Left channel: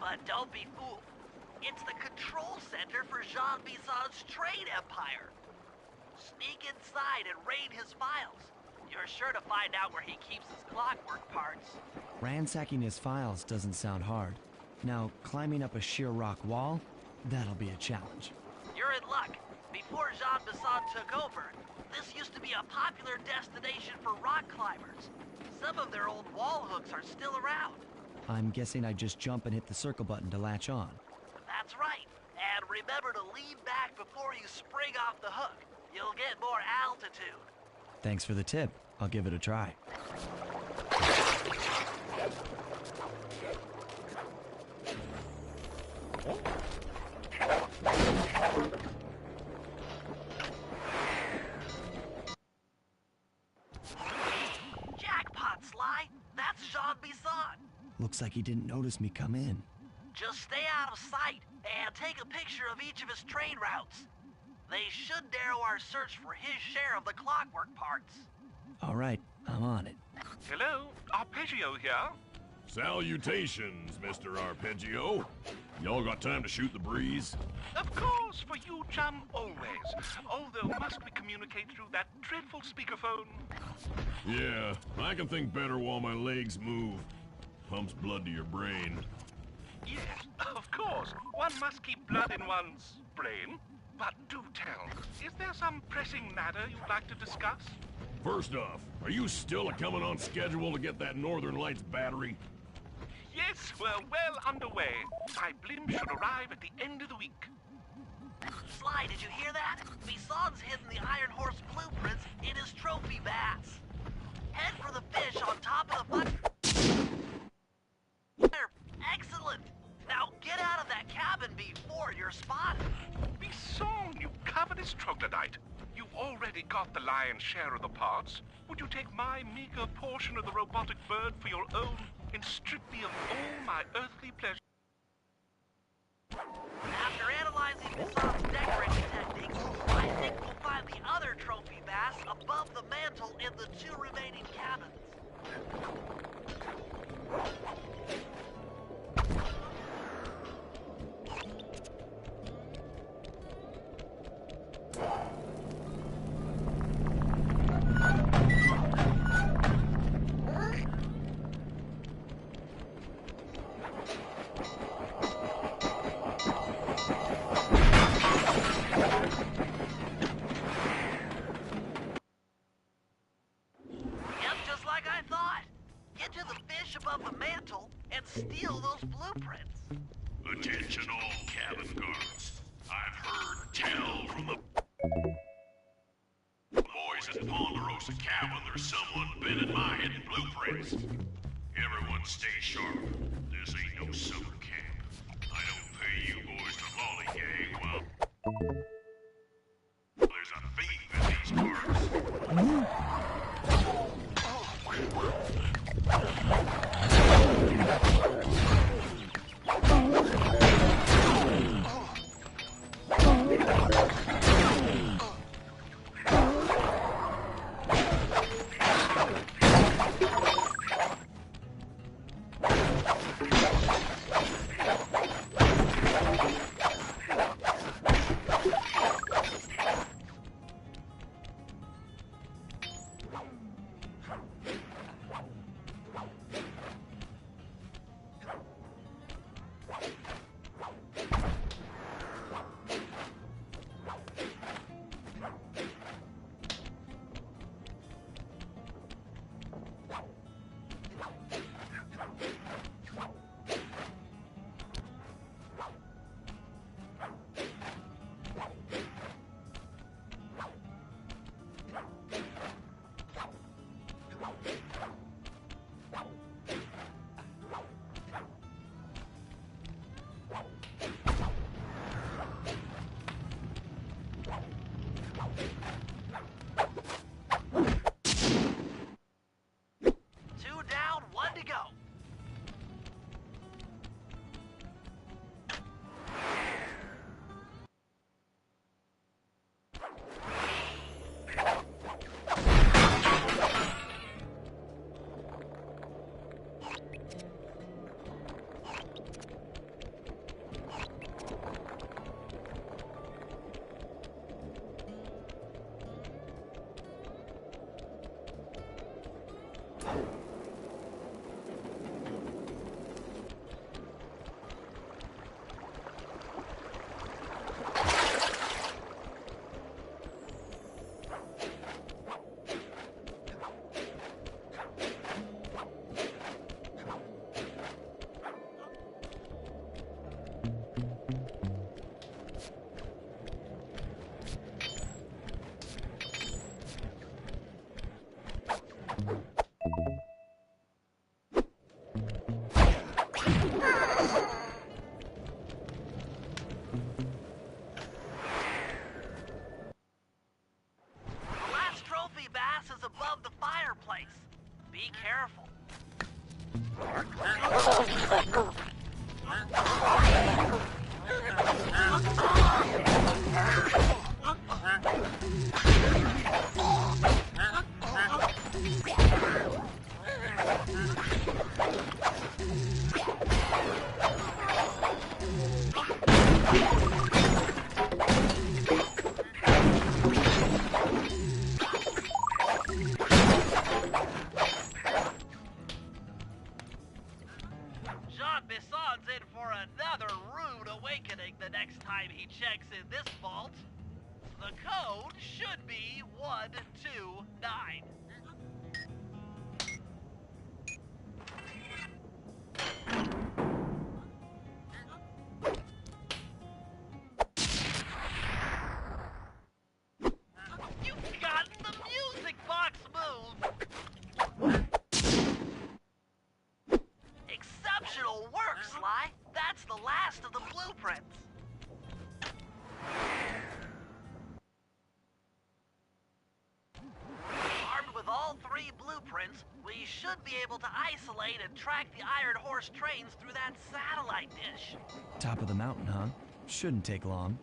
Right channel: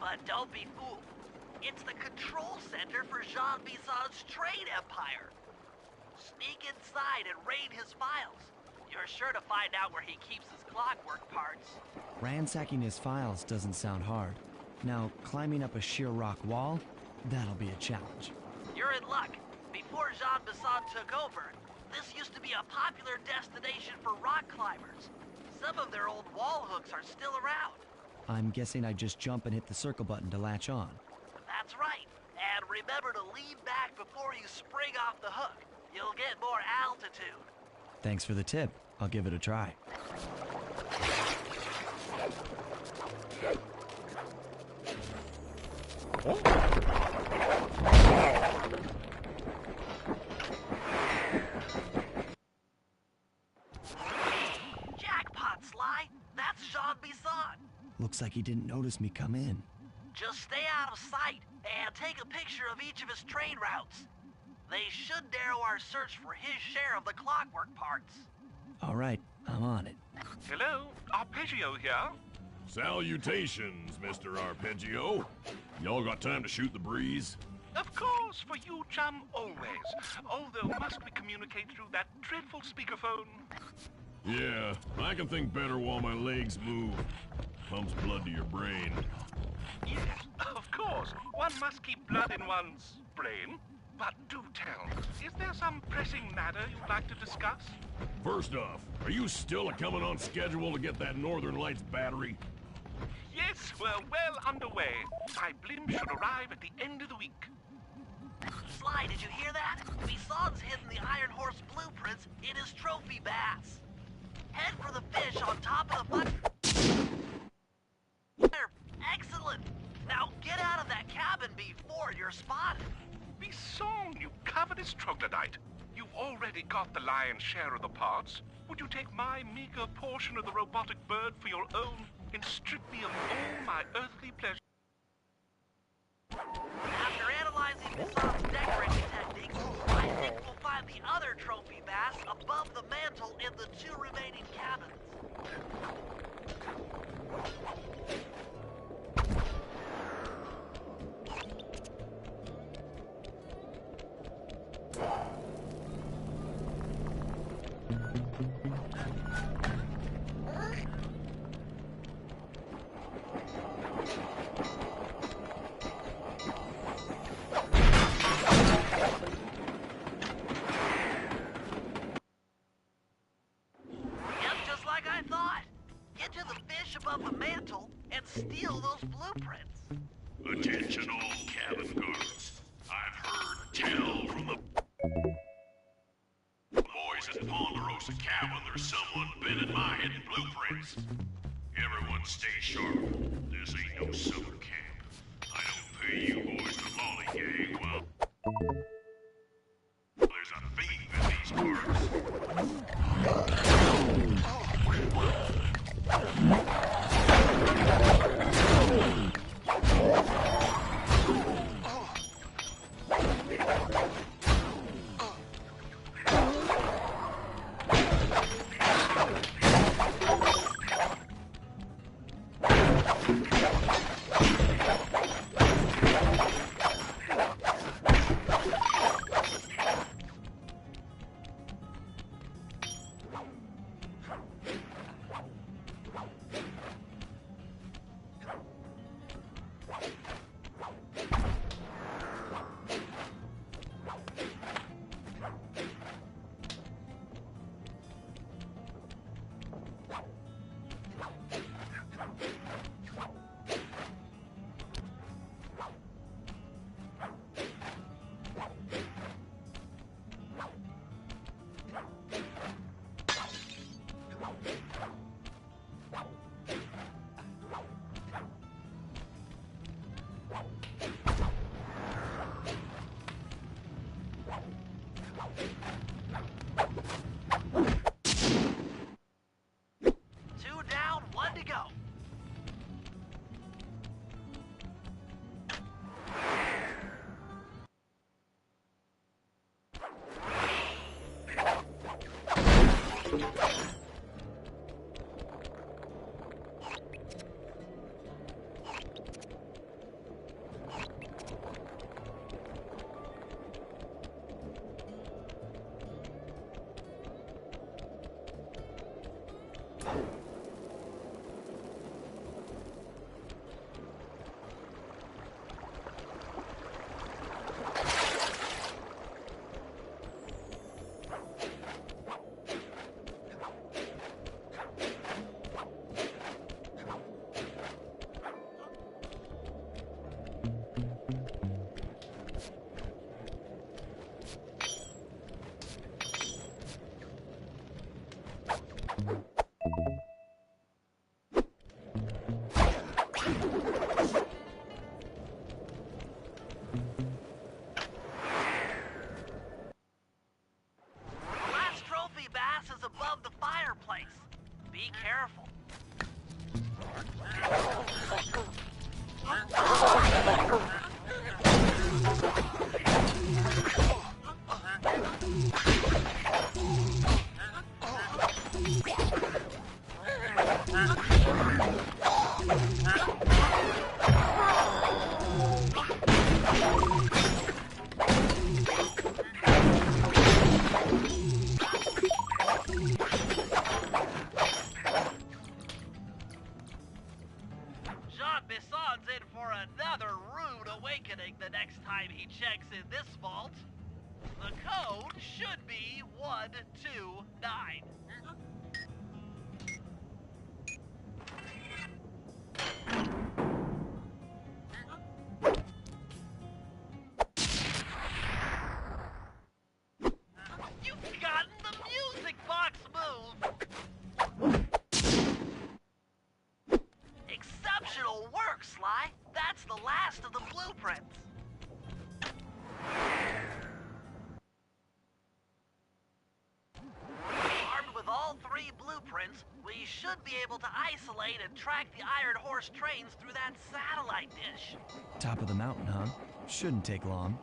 But don't be fooled. It's the control center for Jean Bison's trade empire. Sneak inside and raid his files. You're sure to find out where he keeps his clockwork parts. Ransacking his files doesn't sound hard. Now, climbing up a sheer rock wall, that'll be a challenge. You're in luck. Before Jean Bison took over, this used to be a popular destination for rock climbers. Some of their old wall hooks are still around. I'm guessing I just jump and hit the circle button to latch on. That's right. And remember to lean back before you spring off the hook. You'll get more altitude. Thanks for the tip. I'll give it a try. Jackpot, Sly! That's Jean Bison! Looks like he didn't notice me come in. Just stay out of sight and take a picture of each of his trade routes. They should narrow our search for his share of the clockwork parts. All right, I'm on it. Hello, Arpeggio here. Salutations, Mr. Arpeggio. Y'all got time to shoot the breeze? Of course, for you, chum, always. Although, must we communicate through that dreadful speakerphone? Yeah, I can think better while my legs move. Pumps blood to your brain. Yes, of course. One must keep blood in one's brain. But do tell, is there some pressing matter you'd like to discuss? First off, are you still coming on schedule to get that Northern Lights battery? Yes, we're well underway. My blimp should arrive at the end of the week. Sly, did you hear that? Bison's hidden the Iron Horse blueprints in his trophy bass. Head for the fish on top of the fire. Excellent! Now get out of that cabin before you're spotted. Bison, you covetous troglodyte. You've already got the lion's share of the parts. Would you take my meager portion of the robotic bird for your own and strip me of all my earthly pleasures? After analyzing Bison's decorating techniques, I think we'll find the other trophy bass above the mantle in the two remaining cabins. Above the mantle and steal those blueprints. Attention all cabin guards. I've heard tell from the boys at Ponderosa Cabin there's someone been in my hidden blueprints. Everyone stay sharp. This ain't no summer camp. I don't pay you boys to lollygag while there's a thief in these carts. The last trophy bass is above the fireplace. Be careful. Jean Bisson's in for another rude awakening the next time he checks in this vault. The code should be 129. You've gotten the music box move! Exceptional work, Sly! That's the last of the blueprints. Armed with all 3 blueprints, we should be able to isolate and track the Iron Horse trains through that satellite dish. Top of the mountain, huh? Shouldn't take long.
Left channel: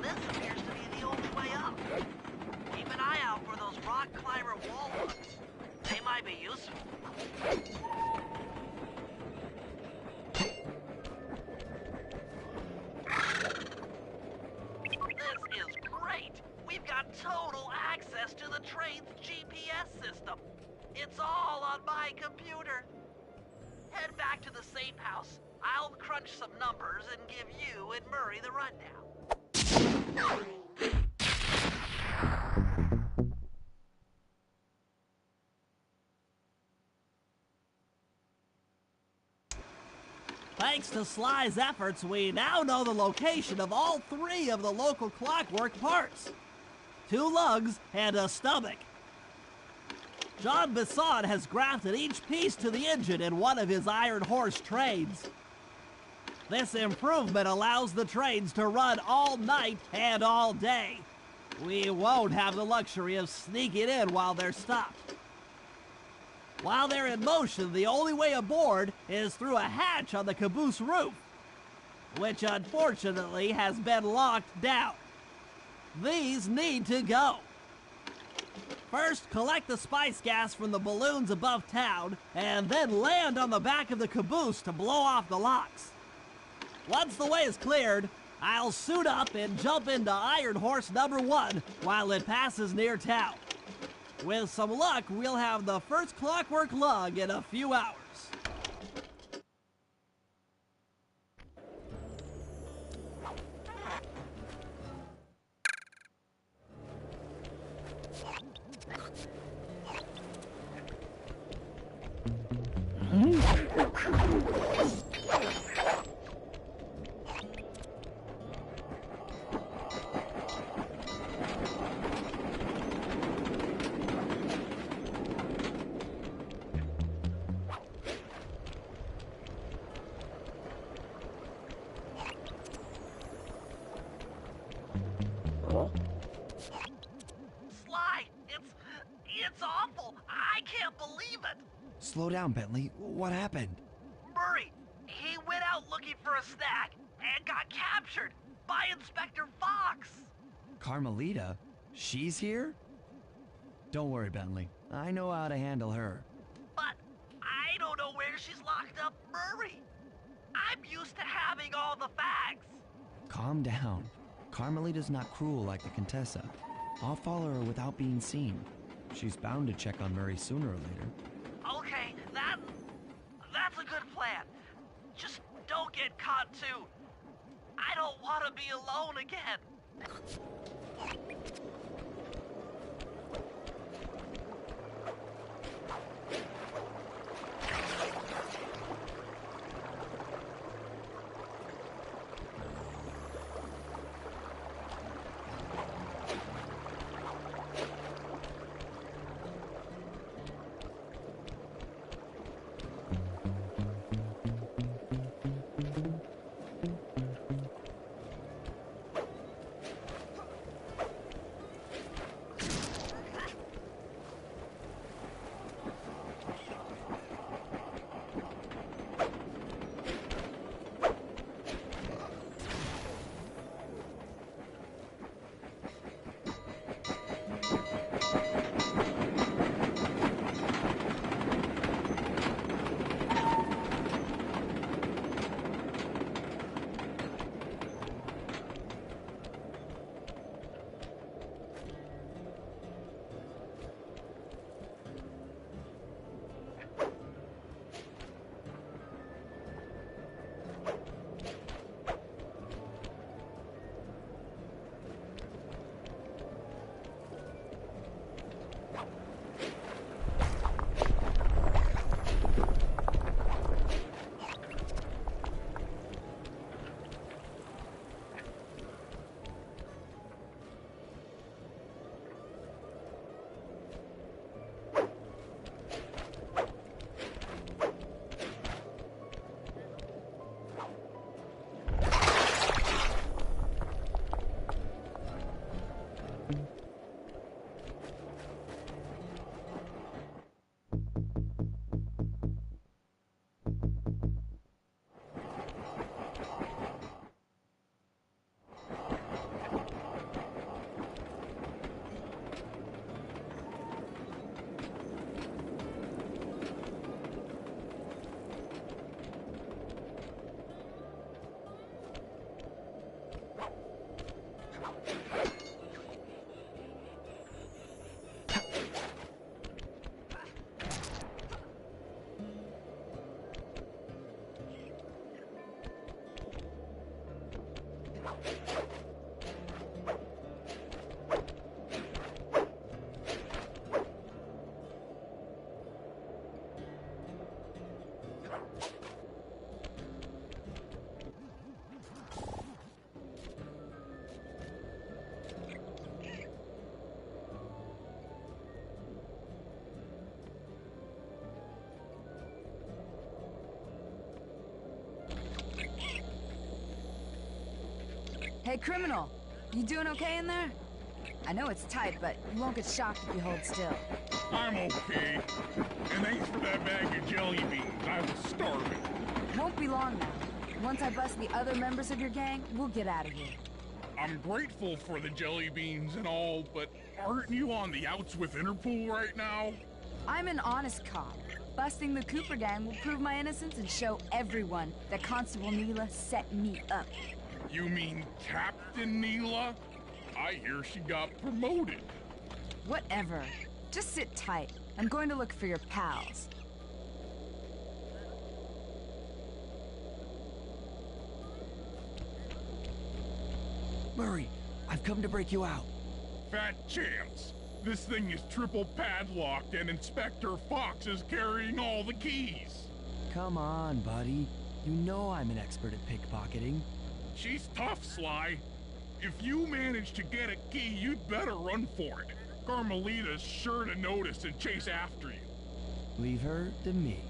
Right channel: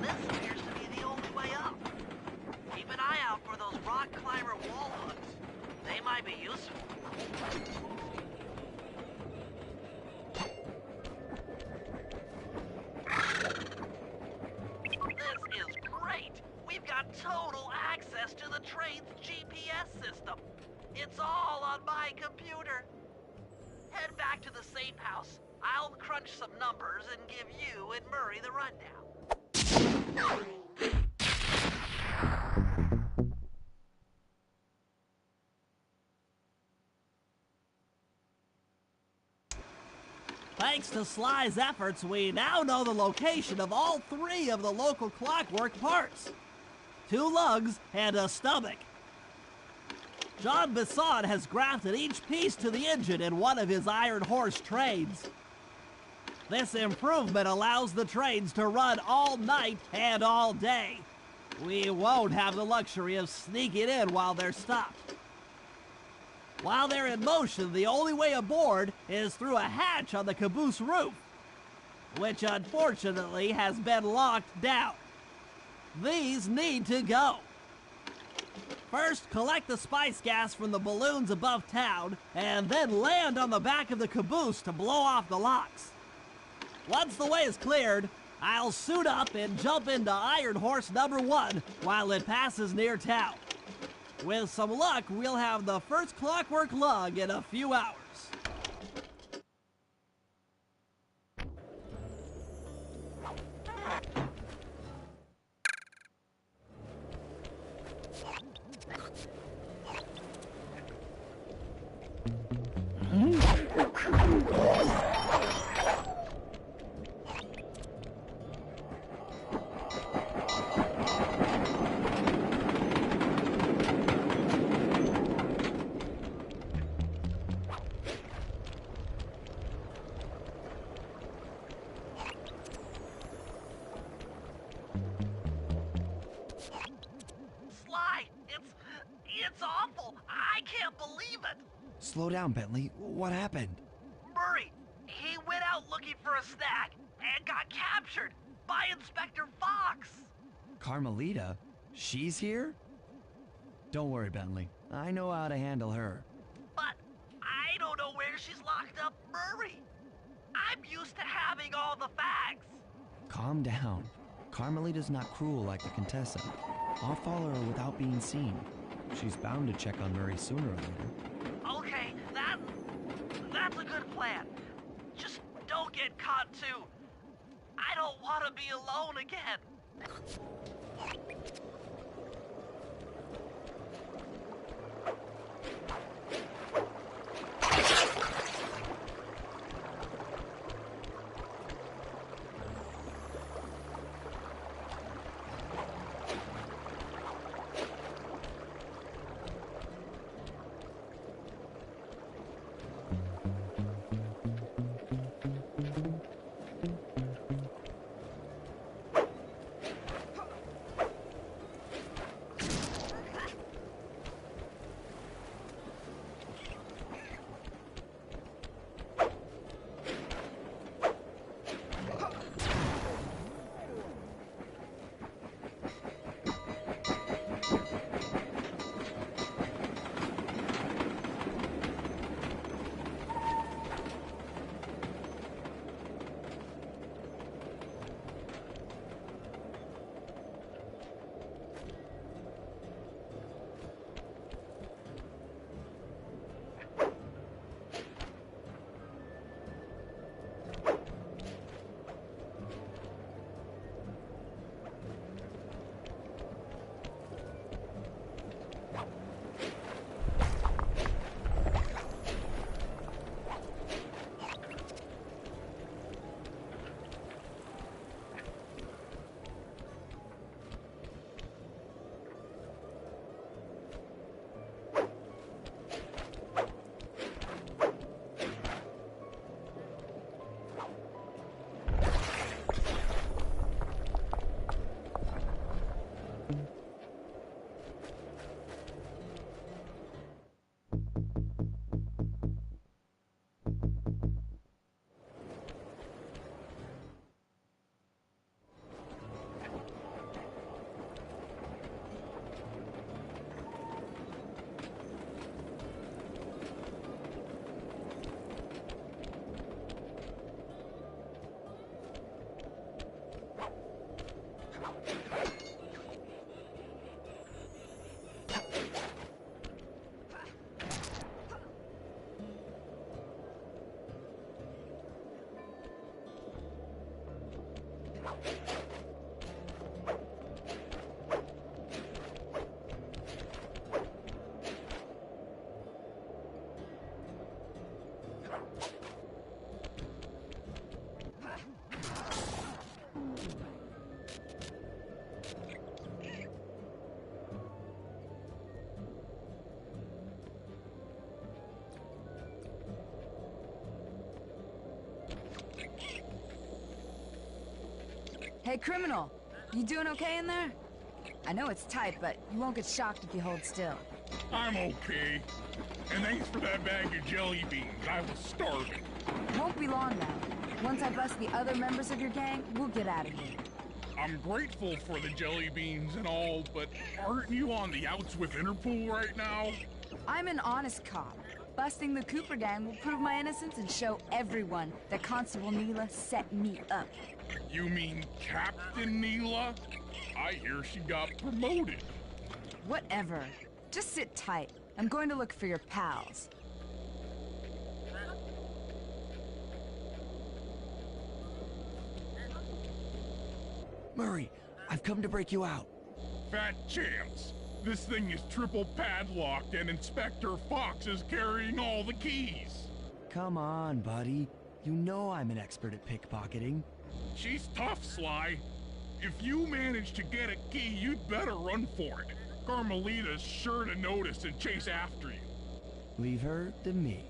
This appears to be the only way up. Keep an eye out for those rock climber wall hooks. They might be useful. This is great! We've got total access to the train's GPS system. It's all on my computer. Head back to the safe house. I'll crunch some numbers and give you and Murray the rundown. Thanks to Sly's efforts, we now know the location of all 3 of the local clockwork parts. 2 lugs and a stomach. Jean Bisson has grafted each piece to the engine in one of his Iron Horse trains. This improvement allows the trains to run all night and all day. We won't have the luxury of sneaking in while they're stopped. While they're in motion, the only way aboard is through a hatch on the caboose roof, which unfortunately has been locked down. These need to go. First, collect the spice gas from the balloons above town, and then land on the back of the caboose to blow off the locks. Once the way is cleared, I'll suit up and jump into Iron Horse number 1 while it passes near town. With some luck, we'll have the first clockwork lug in a few hours. Slow down, Bentley. What happened? Murray, he went out looking for a snack and got captured by Inspector Fox. Carmelita? She's here? Don't worry, Bentley. I know how to handle her. But I don't know where she's locked up Murray. I'm used to having all the facts. Calm down. Carmelita's not cruel like the Contessa. I'll follow her without being seen. She's bound to check on Murray sooner or later. Okay, that's a good plan. Just don't get caught too. I don't want to be alone again. Hey, criminal! You doing okay in there? I know it's tight, but you won't get shocked if you hold still. I'm okay. And thanks for that bag of jelly beans. I was starving. Won't be long now. Once I bust the other members of your gang, we'll get out of here. I'm grateful for the jelly beans and all, but aren't you on the outs with Interpol right now? I'm an honest cop. Busting the Cooper gang will prove my innocence and show everyone that Constable Neela set me up. You mean Captain Neela? I hear she got promoted. Whatever. Just sit tight. I'm going to look for your pals. Murray, I've come to break you out. Fat chance. This thing is triple padlocked and Inspector Fox is carrying all the keys. Come on, buddy. You know I'm an expert at pickpocketing. She's tough, Sly. If you manage to get a key, you'd better run for it. Carmelita's sure to notice and chase after you. Leave her to me.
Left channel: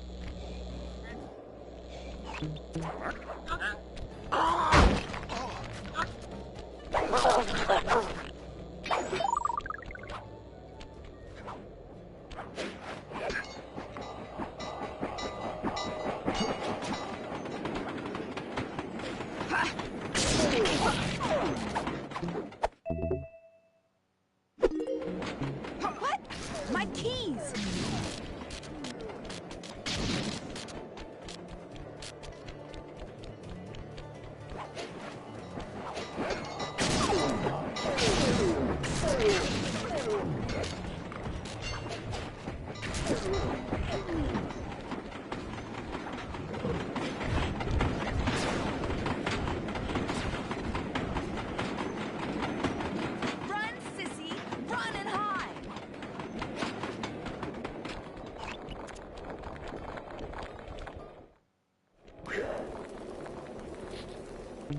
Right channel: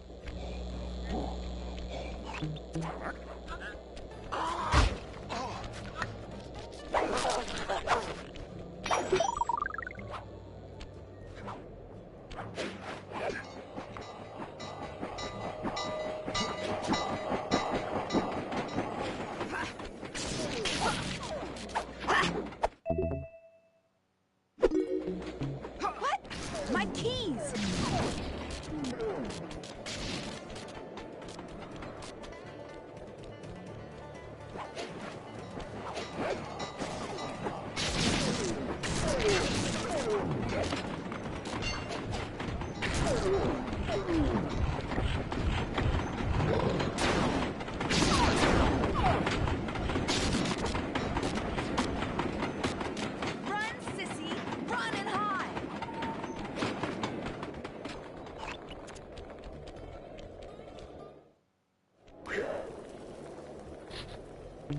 I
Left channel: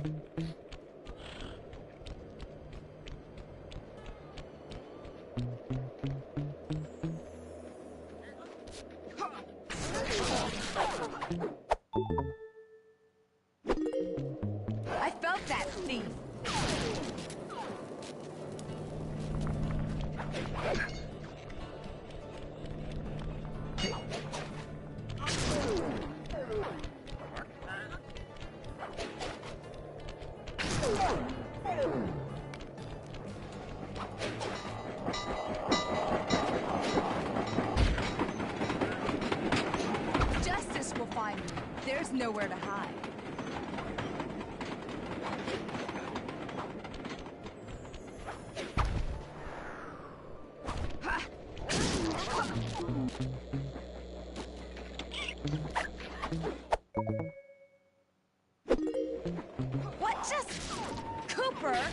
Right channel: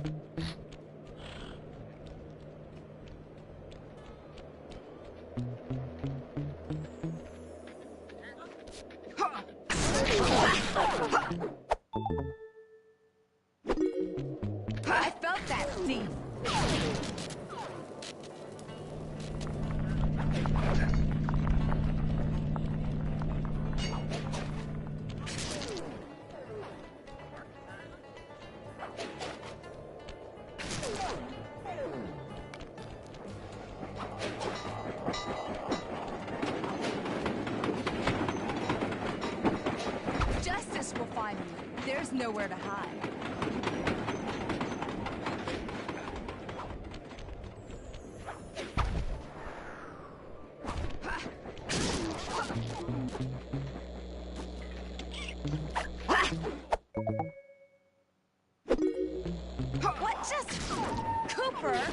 felt that, thief. Justice will find me. There's nowhere to hide. What just... Cooper?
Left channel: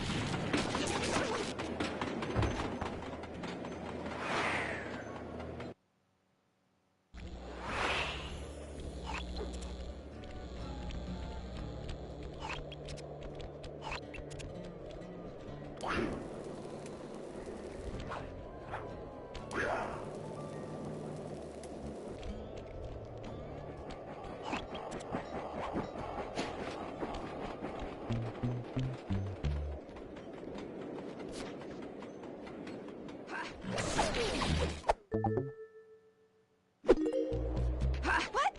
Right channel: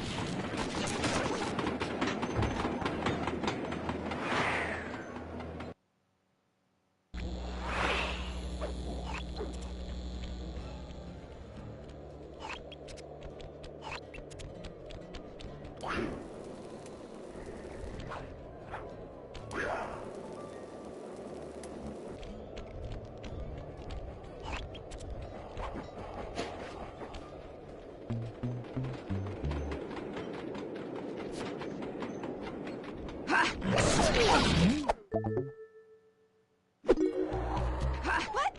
What?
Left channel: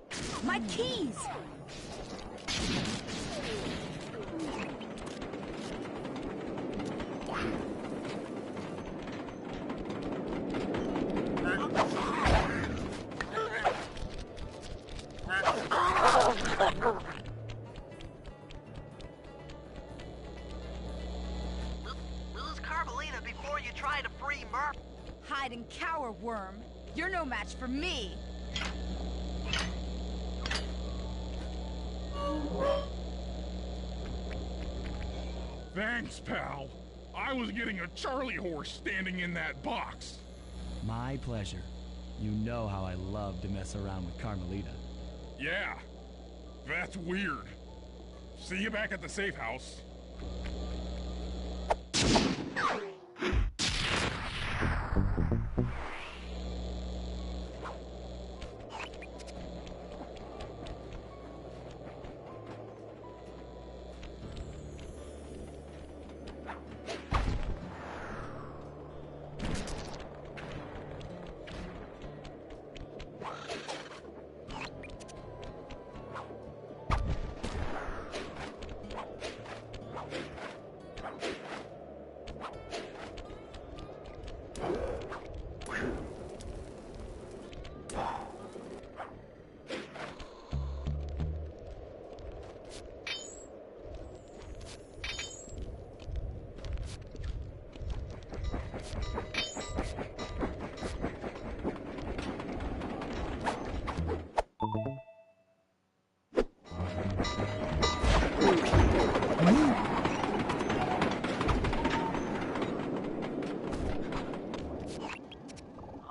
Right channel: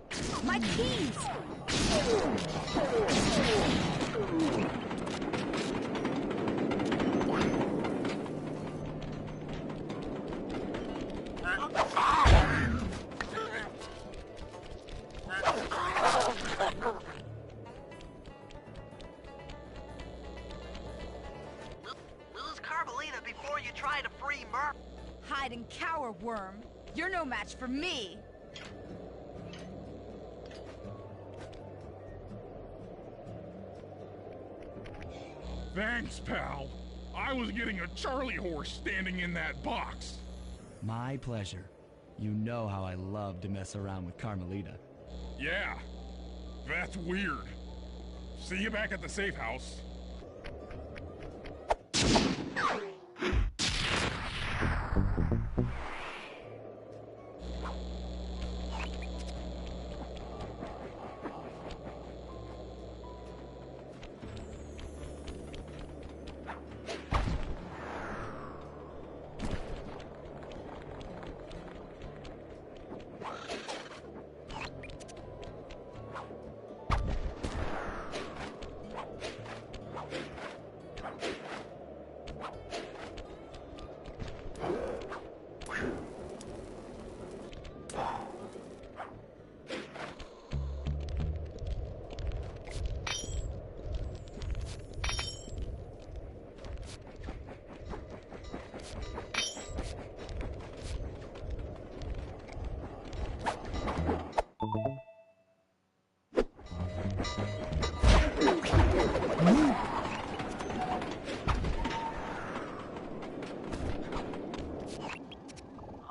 My keys! Lose Carmelita before you try to free Murph. Hide and cower, worm. You're no match for me. Thanks, pal. I was getting a Charlie horse standing in that box. My pleasure. You know how I love to mess around with Carmelita. Yeah, that's weird. See you back at the safe house.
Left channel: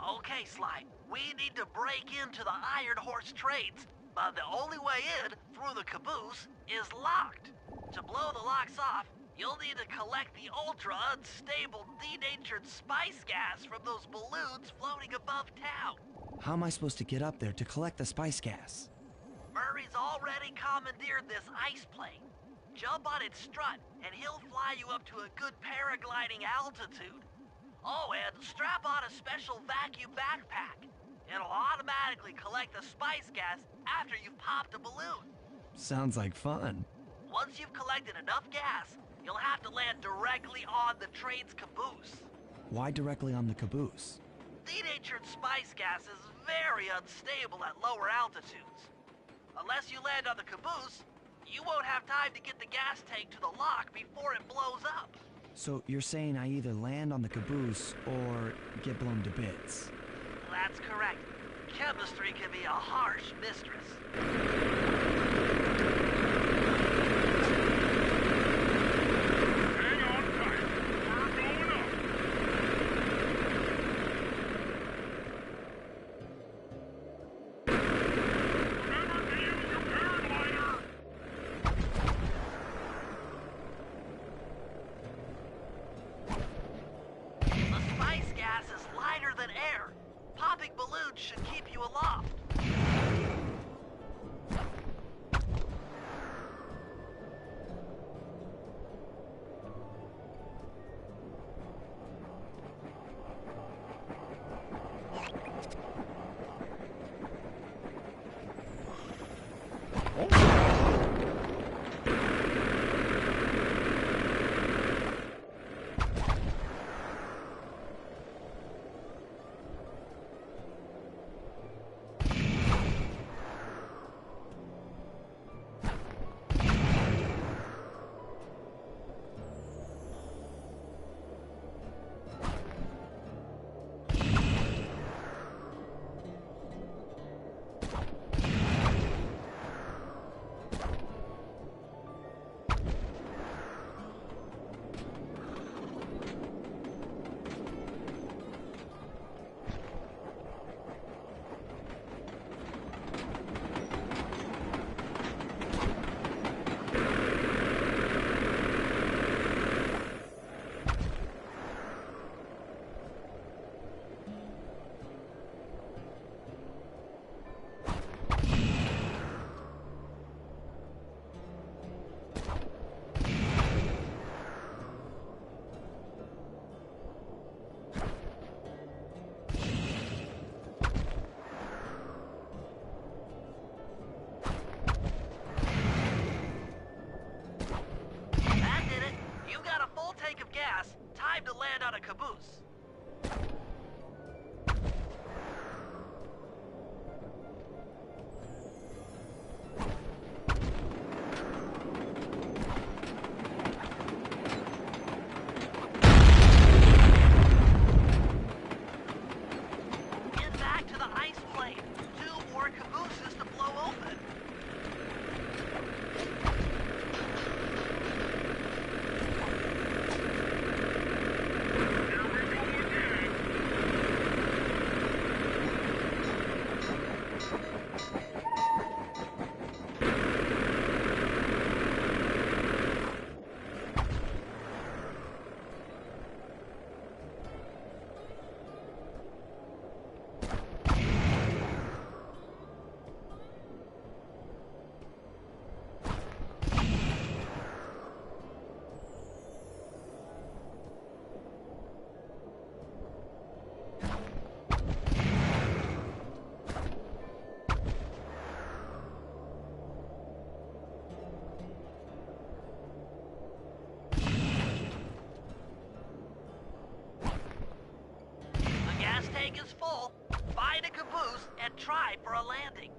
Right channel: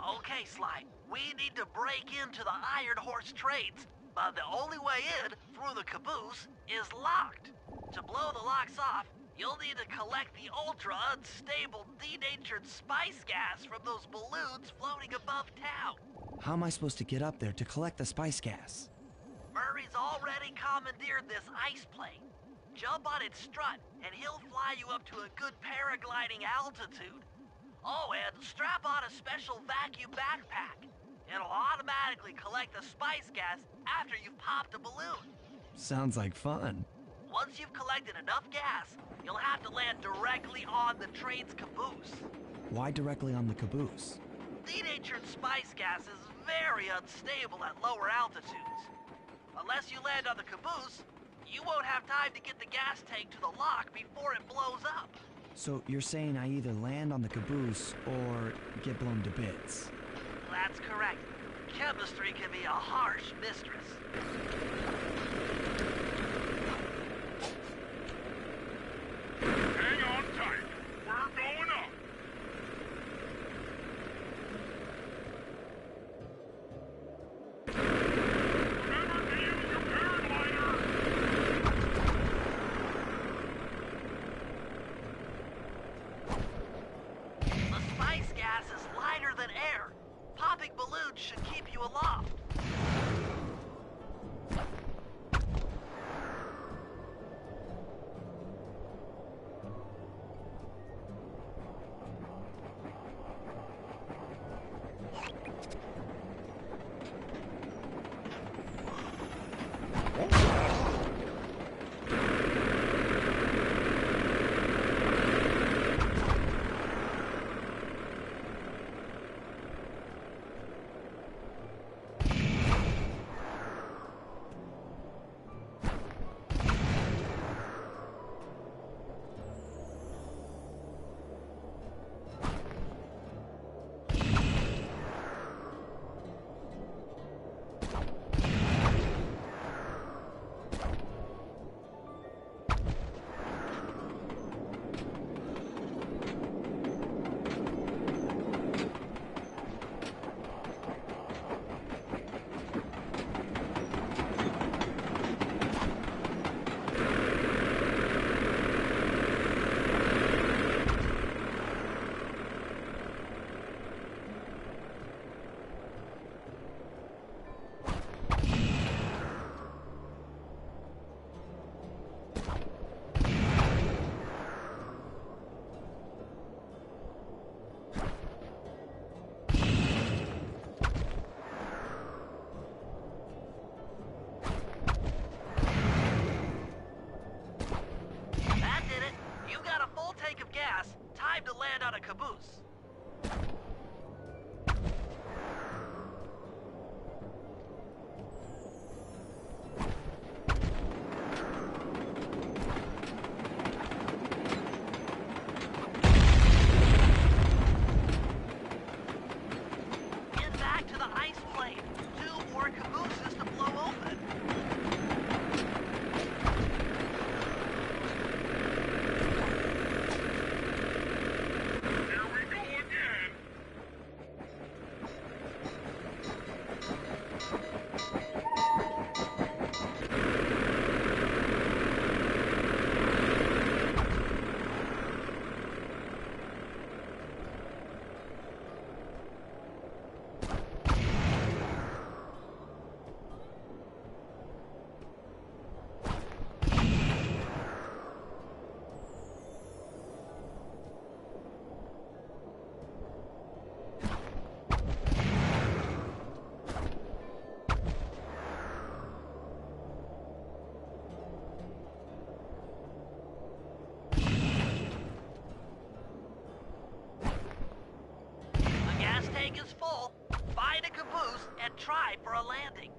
Okay, Sly, we need to break into the Iron Horse trades, but the only way in, through the caboose, is locked. To blow the locks off, you'll need to collect the ultra-unstable, denatured spice gas from those balloons floating above town. How am I supposed to get up there to collect the spice gas? Murray's already commandeered this ice plane. Jump on its strut, and he'll fly you up to a good paragliding altitude. Oh, and strap on a special vacuum backpack. It'll automatically collect the spice gas after you've popped a balloon. Sounds like fun. Once you've collected enough gas, you'll have to land directly on the train's caboose. Why directly on the caboose? Denatured spice gas is very unstable at lower altitudes. Unless you land on the caboose, you won't have time to get the gas tank to the lock before it blows up. So you're saying I either land on the caboose or get blown to bits? That's correct. Chemistry can be a harsh mistress. Hang on tight. We're going up. Remember to use your paraglider. That did it. You got a full tank of gas. Time to land on a caboose. Get back to the ice plane. 2 more cabooses to blow open. Here we go again. The gas tank is full. Find a caboose and try for a landing.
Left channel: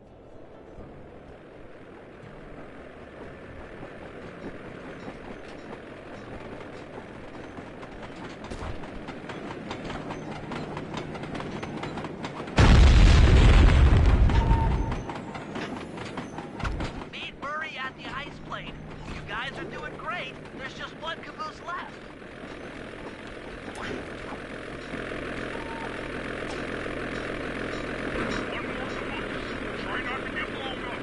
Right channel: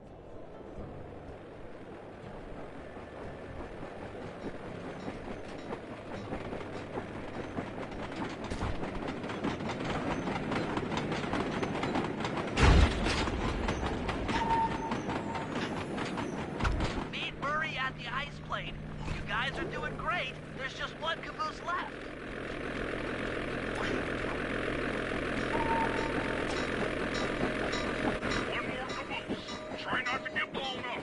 Meet Murray at the ice plane. You guys are doing great. There's just one caboose left. One more caboose. Try not to get blown up.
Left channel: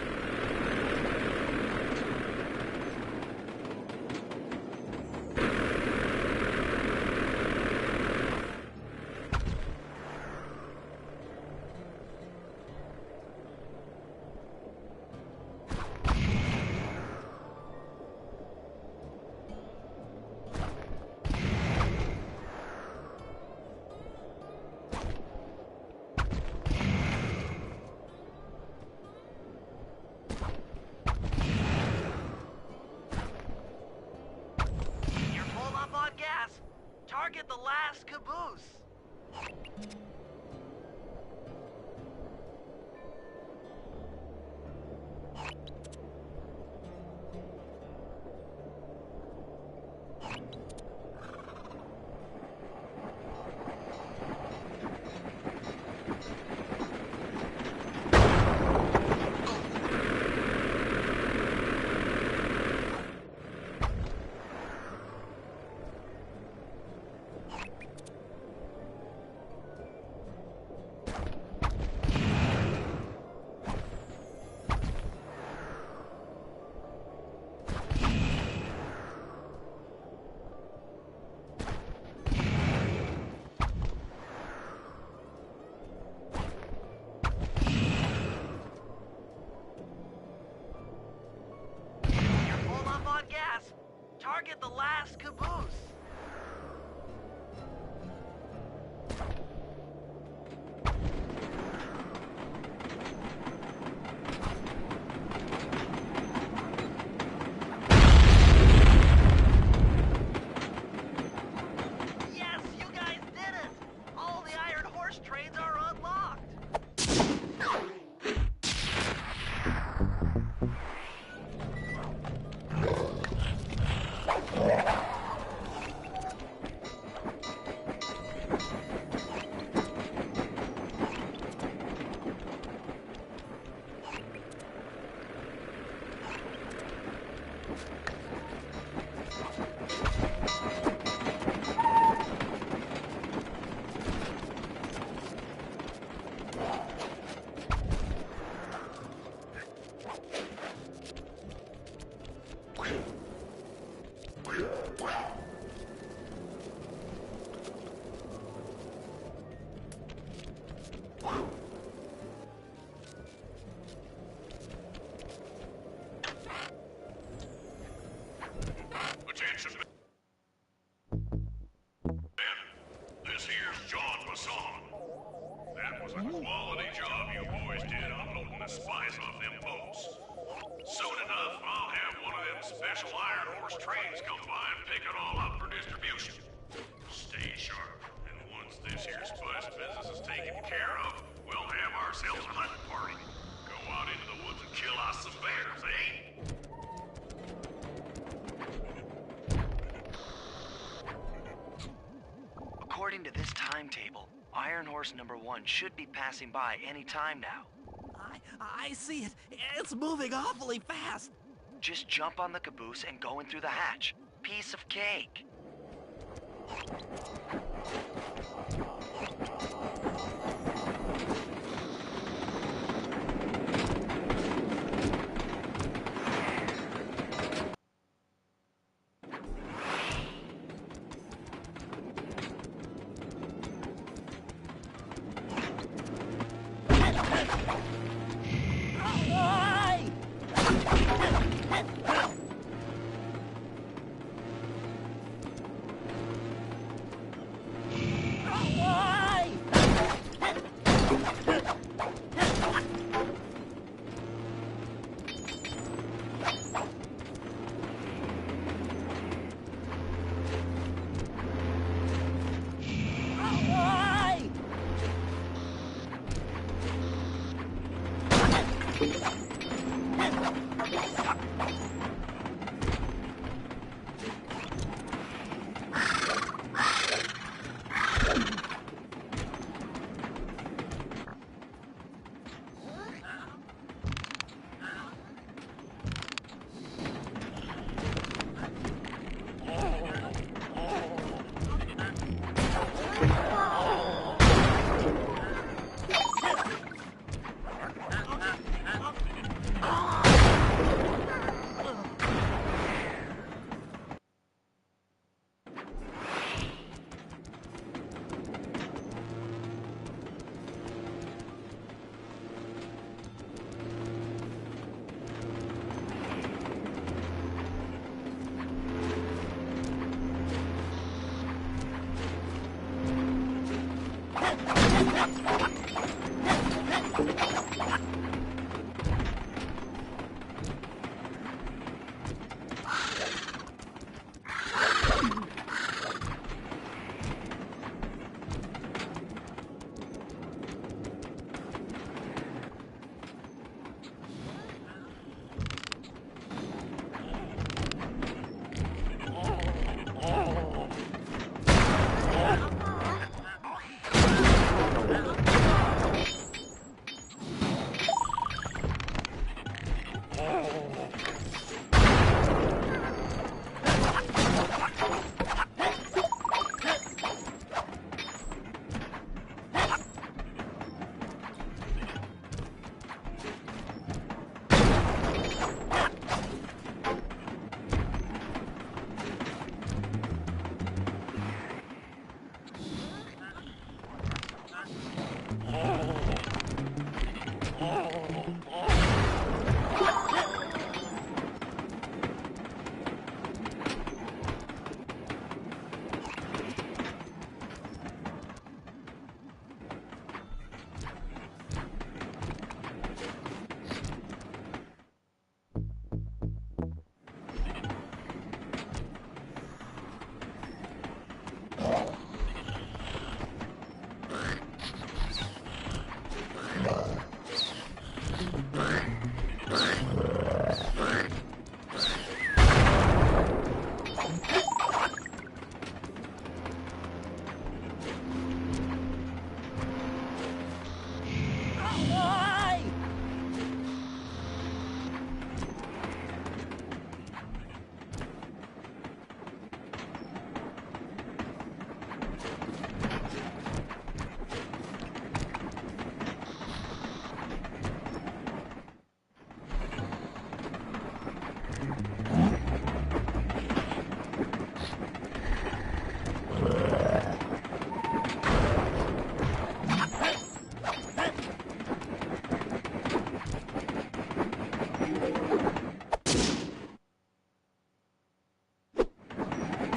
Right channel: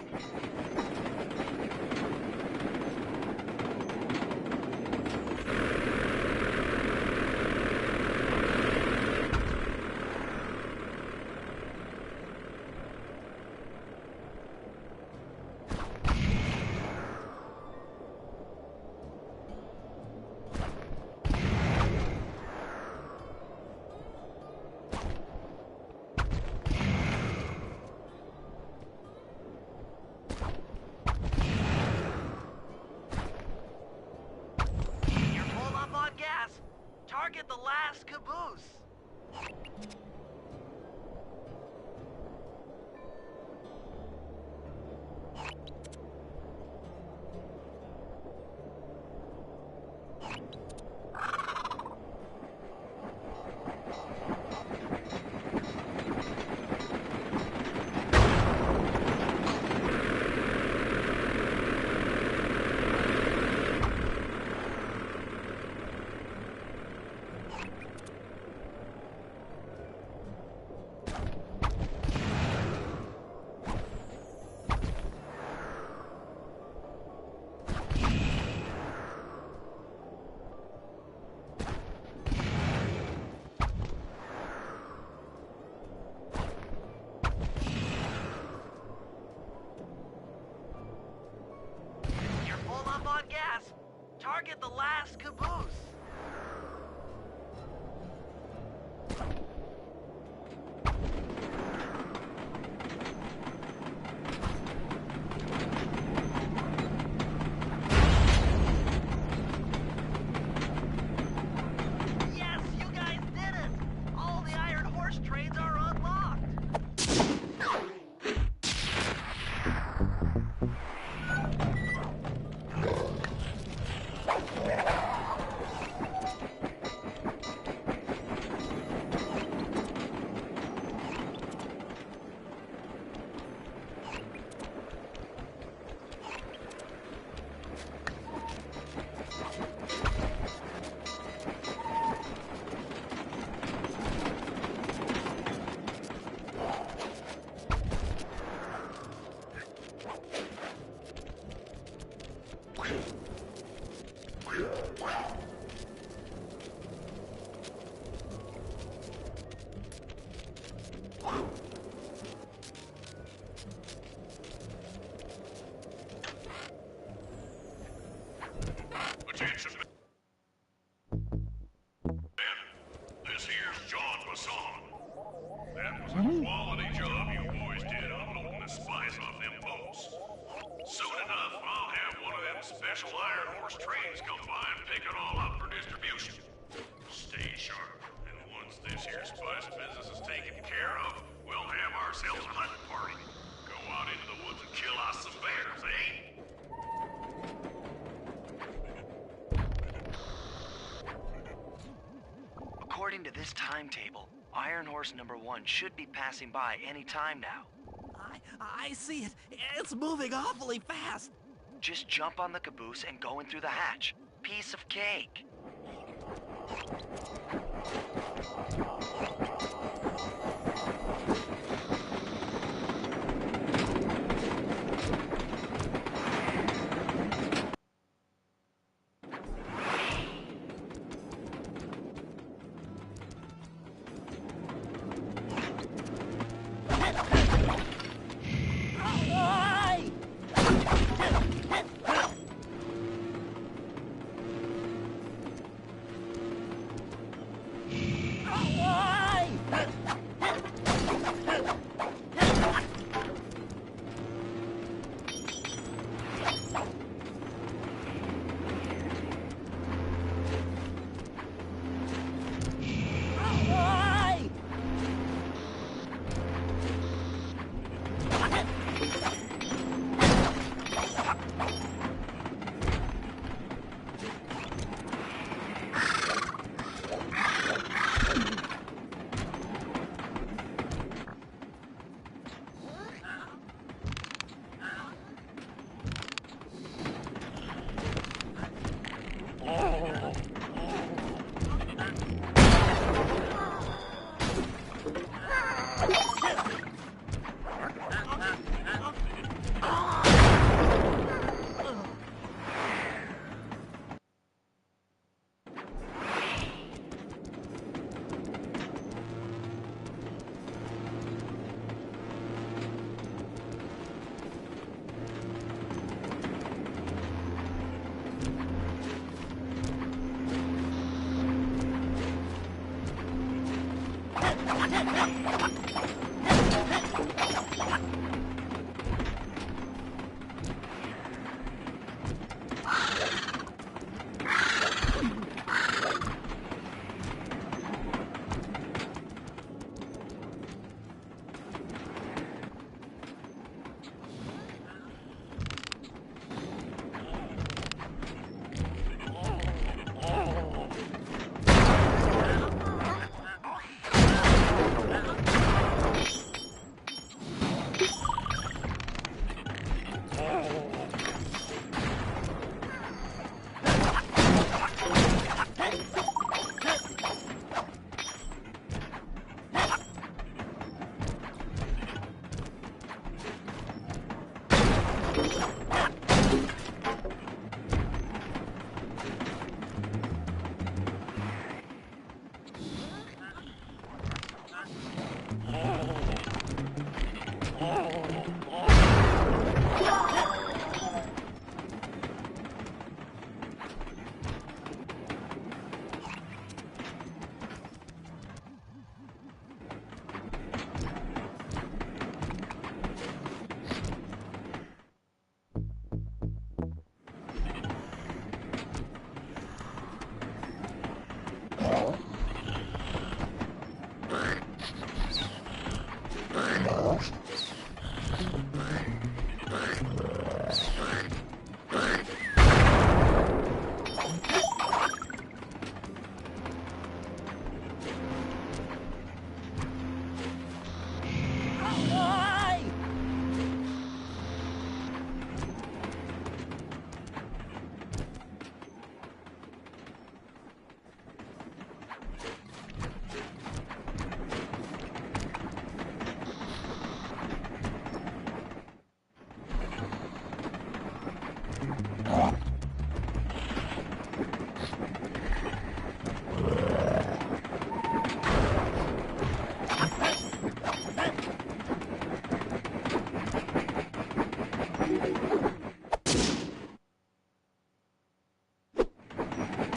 You're full up on gas. Target the last caboose. You're full up on gas. Target the last caboose. special Iron Horse trains come by and pick it all up for distribution. Stay sharp, and once this here spice business is taken care of, we'll have ourselves a hunting party. Go out into the woods and kill us some bears, eh? According to this timetable, Iron Horse number 1 should be passing by any time now. I see it. It's moving awfully fast. Just jump on the caboose and go in through the hatch. Piece of cake.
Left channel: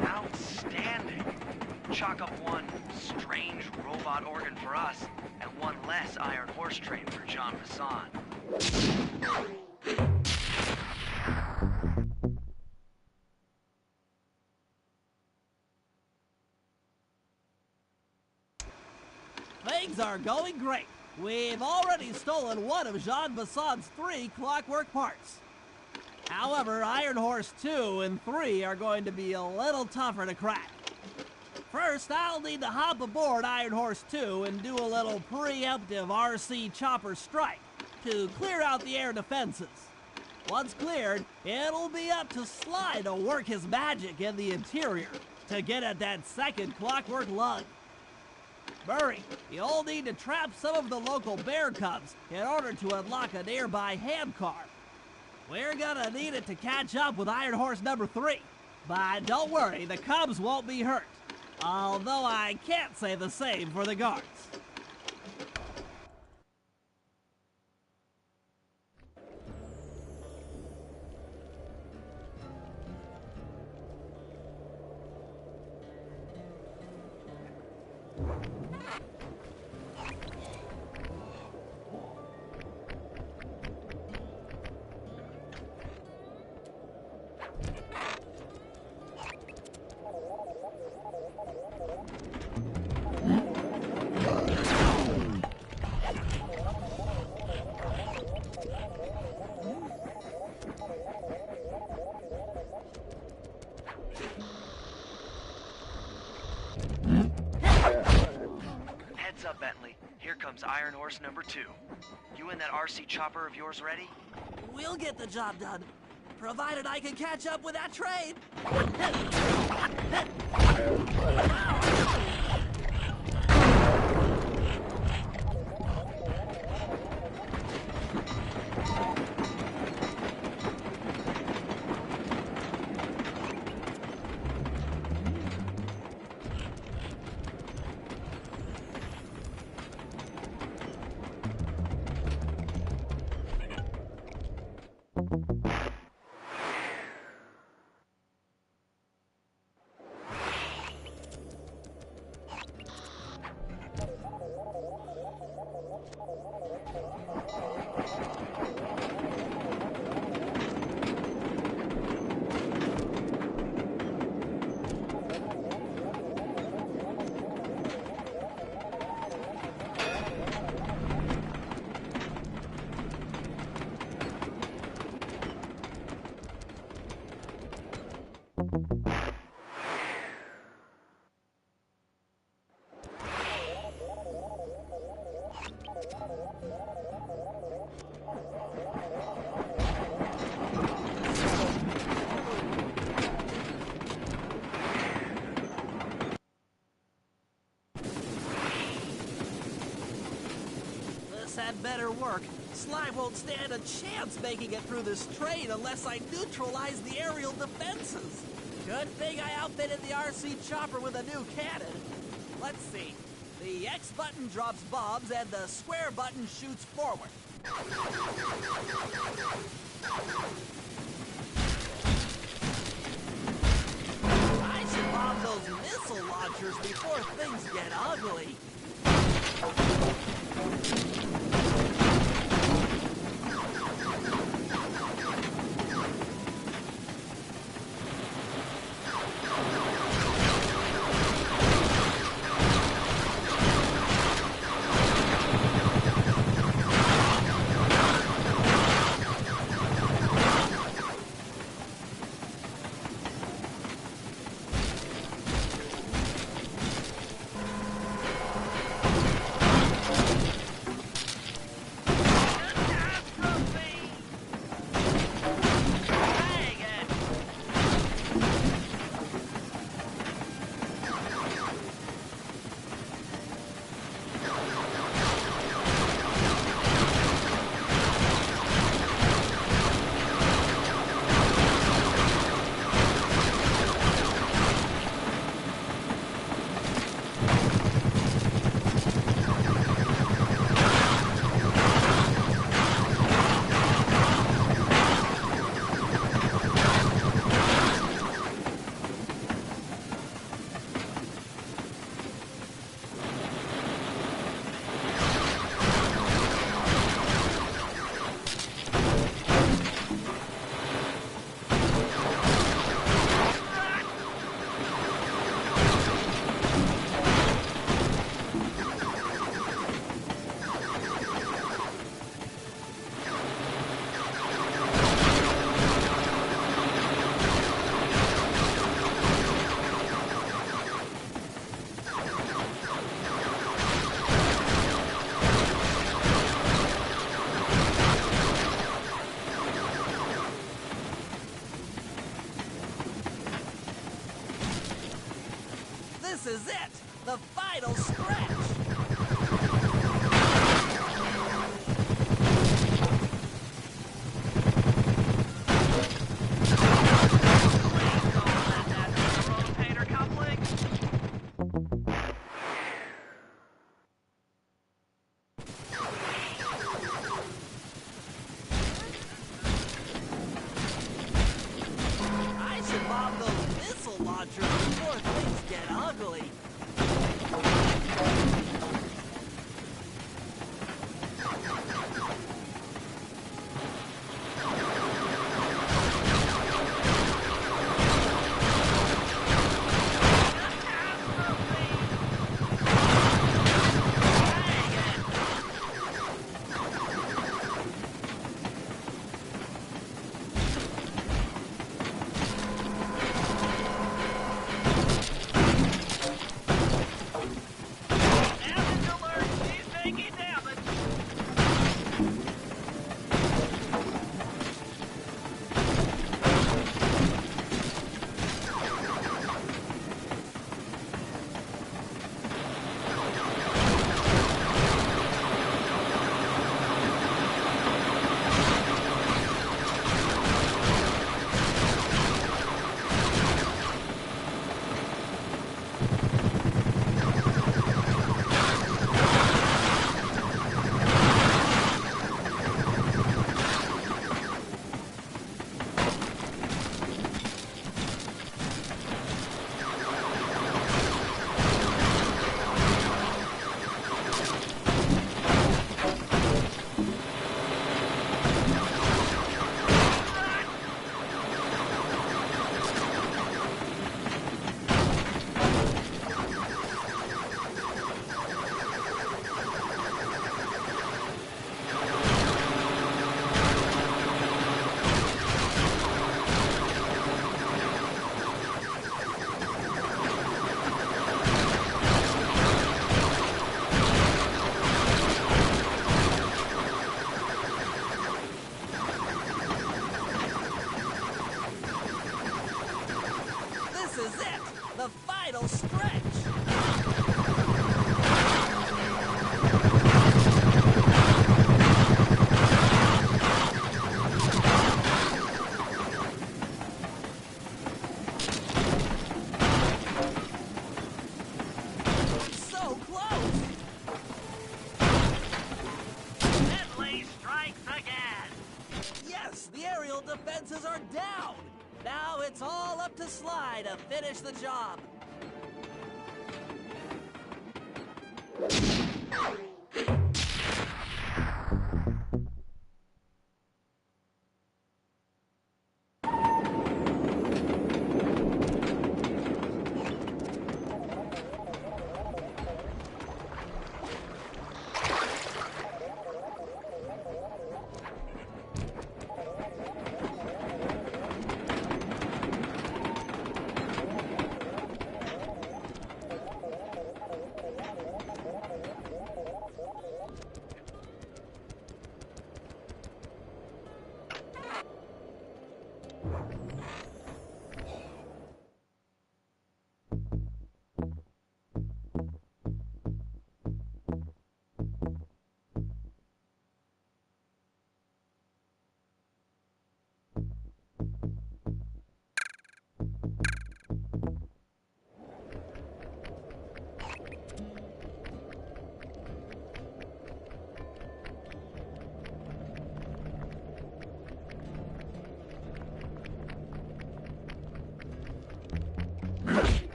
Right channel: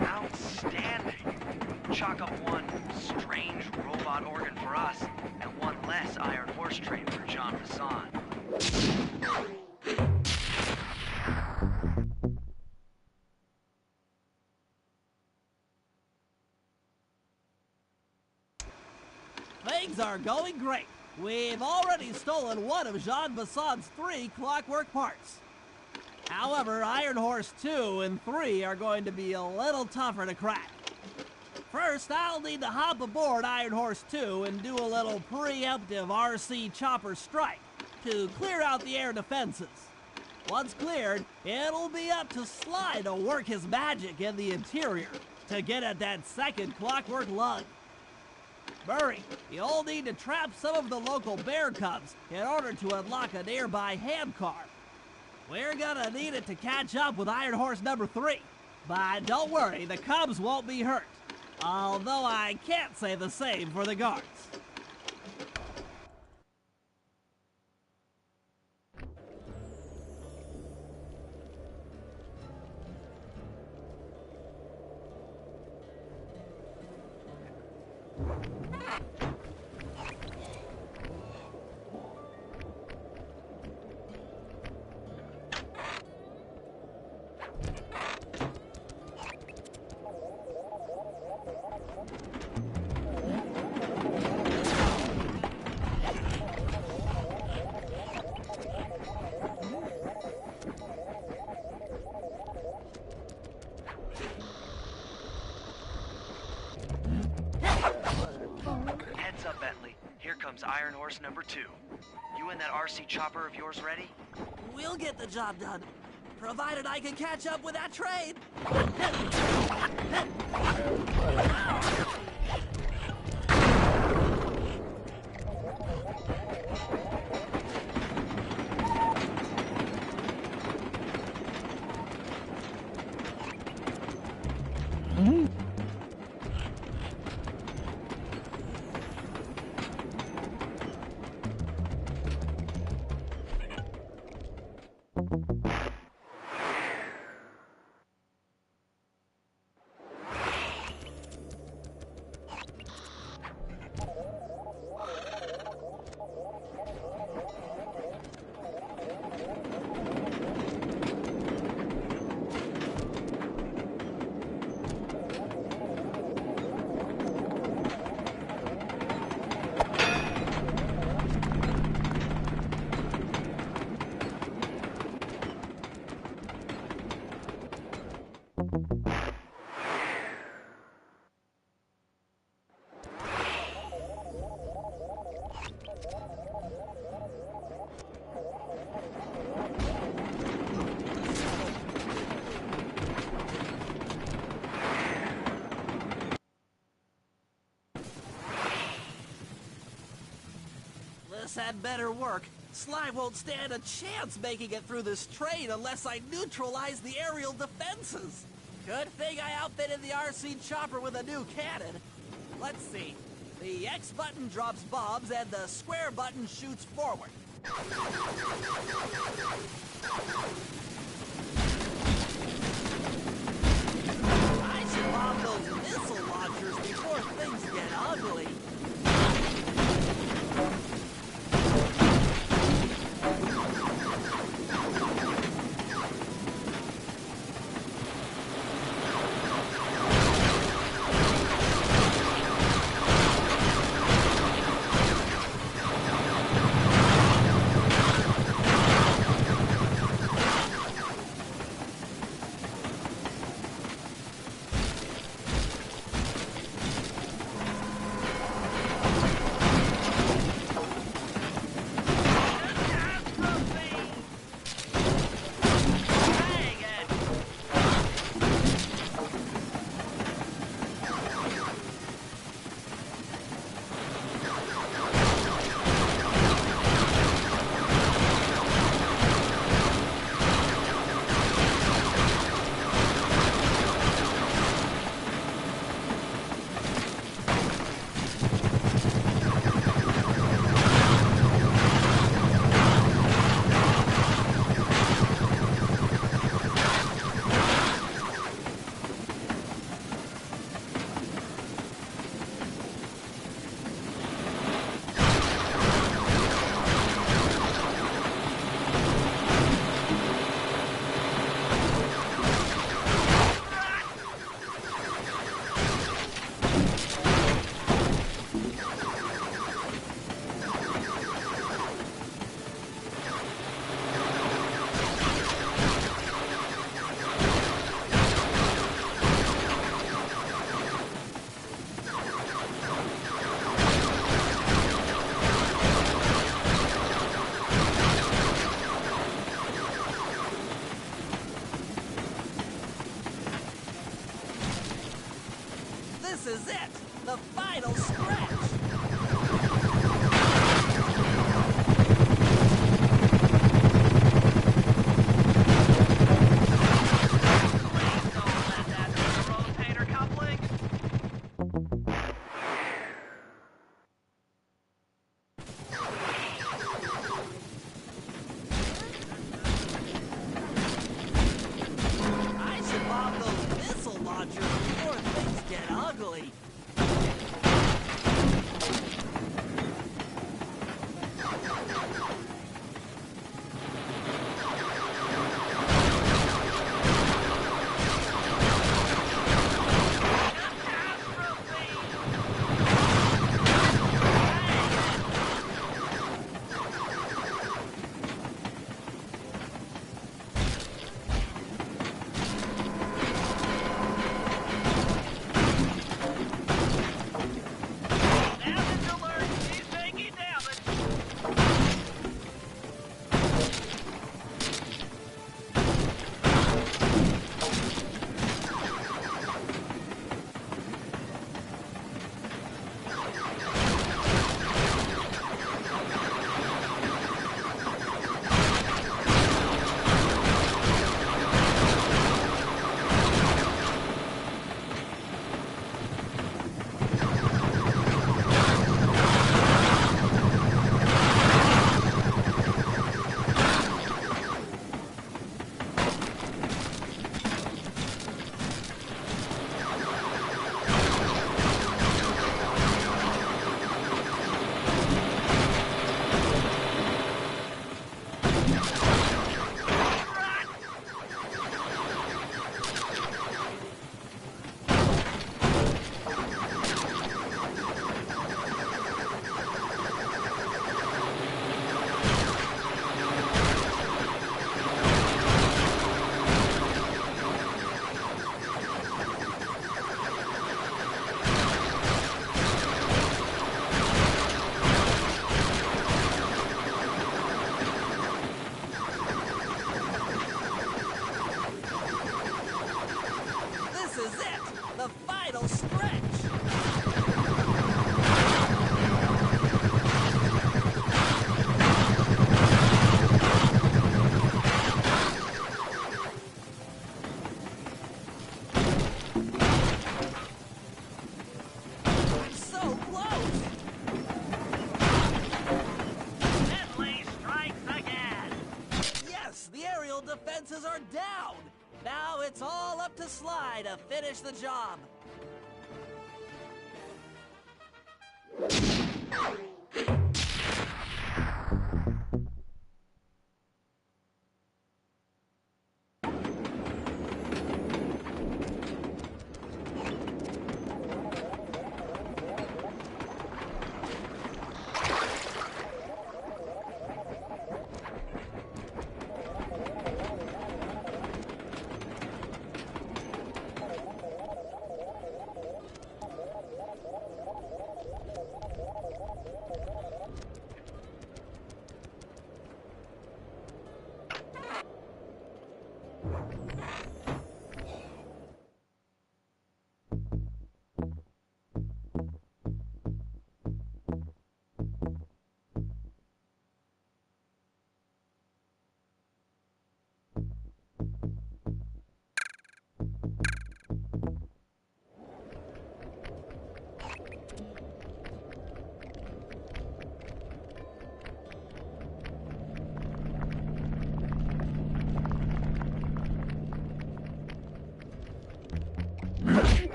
Outstanding! Chalk up one strange robot organ for us, and one less Iron Horse train for Jean Bison. Things are going great. We've already stolen one of Jean Bison's 3 clockwork parts. However, Iron Horse 2 and 3 are going to be a little tougher to crack. First, I'll need to hop aboard Iron Horse 2 and do a little preemptive RC chopper strike to clear out the air defenses. Once cleared, it'll be up to Sly to work his magic in the interior to get at that second clockwork lug. Murray, you'll need to trap some of the local bear cubs in order to unlock a nearby hand car. We're gonna need it to catch up with Iron Horse number 3. But don't worry, the cubs won't be hurt. Although I can't say the same for the guards. Heads up, Bentley. Here comes Iron Horse number 2. You and that RC chopper of yours ready? We'll get the job done, provided I can catch up with that train. This had better work. Sly won't stand a chance making it through this train unless I neutralize the aerial defenses. Good thing I outfitted the RC chopper with a new cannon. Let's see. The X button drops bombs and the square button shoots forward. I should bomb those missile launchers before things get ugly. This is it! The final stretch! Please don't let that be the rotator coupling. I should bomb those missile launchers before things get ugly. Damage alert! He's taking damage! This is it! The final stretch! So close! Bentley strikes again! Yes, the aerial defenses are down! Now it's all up to Sly to finish the job.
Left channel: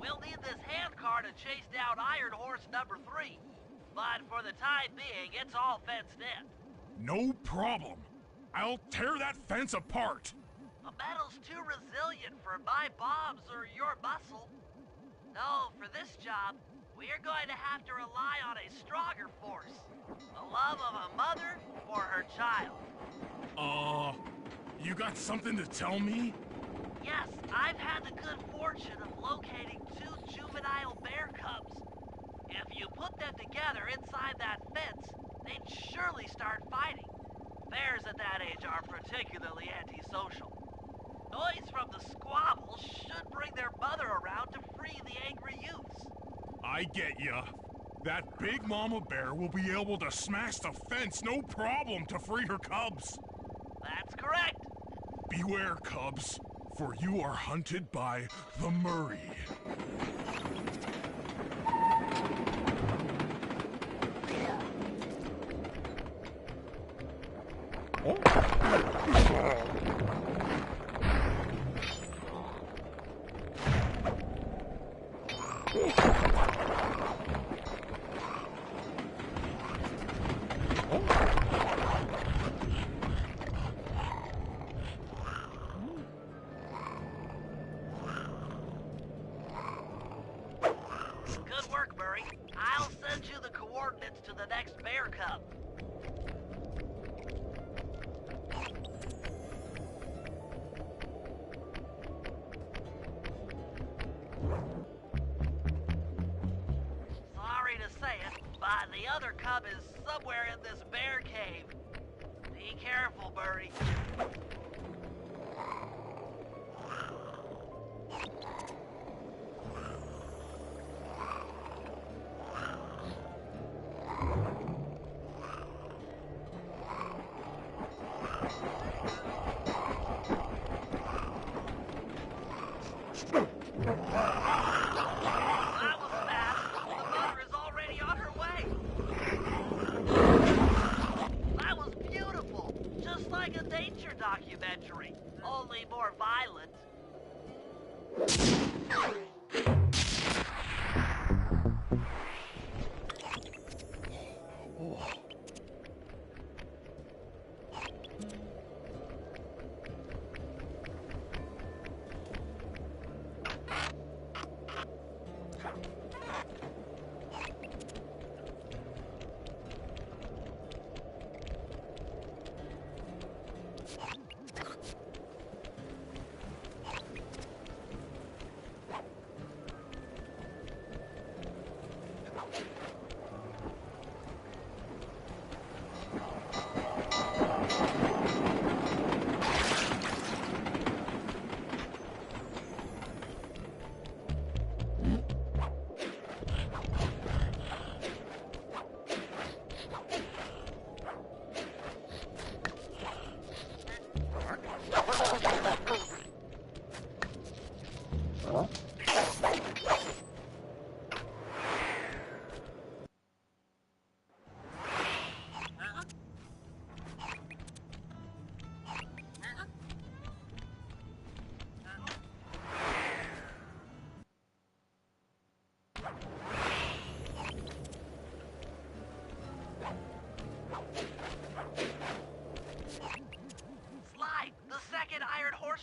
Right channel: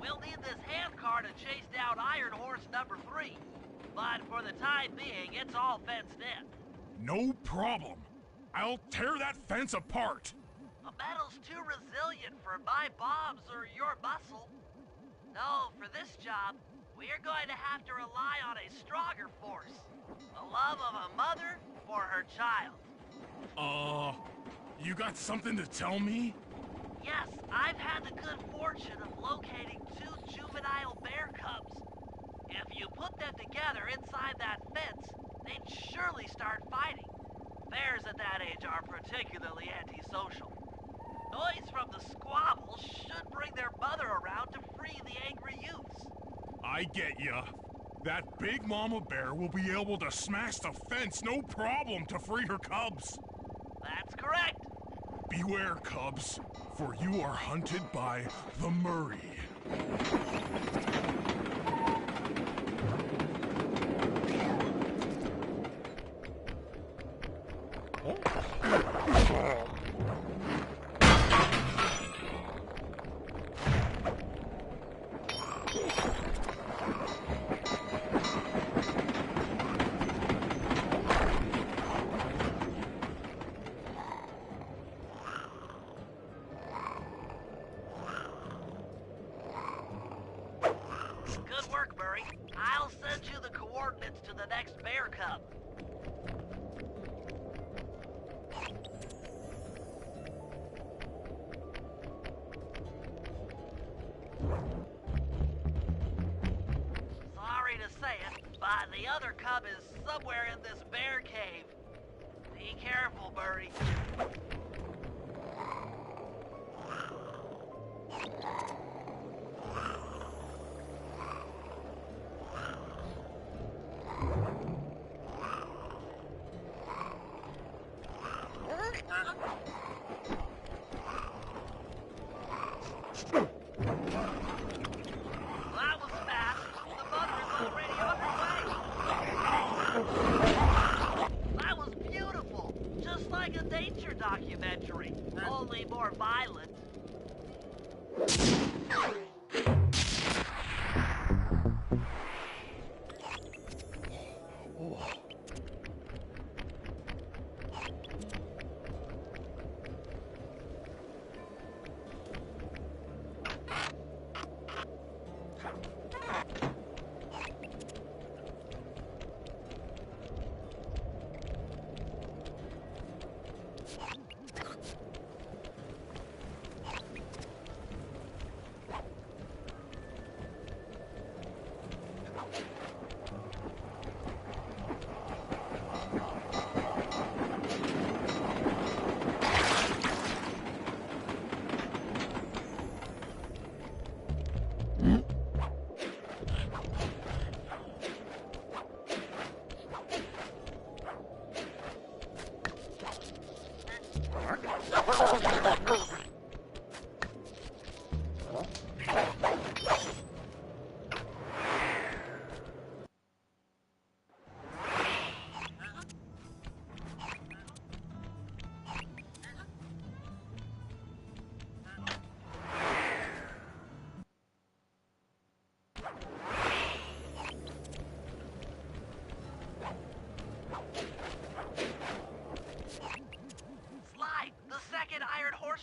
We'll need this handcar to chase down Iron Horse number 3. But for the time being, it's all fenced in. No problem. I'll tear that fence apart. The metal's too resilient for my bombs or your muscle. No, for this job, we're going to have to rely on a stronger force. The love of a mother for her child. You got something to tell me? Yes, I've had the good fortune of locating 2 juvenile bear cubs. If you put them together inside that fence, they'd surely start fighting. Bears at that age are particularly antisocial. Noise from the squabble should bring their mother around to free the angry youths. I get ya. That big mama bear will be able to smash the fence no problem to free her cubs. That's correct. Beware, cubs, for you are hunted by the Murray. Good work, Murray. I'll send you the coordinates to the next bear cub. Sorry to say it, but the other cub is somewhere in this bear cave. Be careful, Murray. That was fast. The mother is already on her way. That was beautiful. Just like a nature documentary. Only more violent.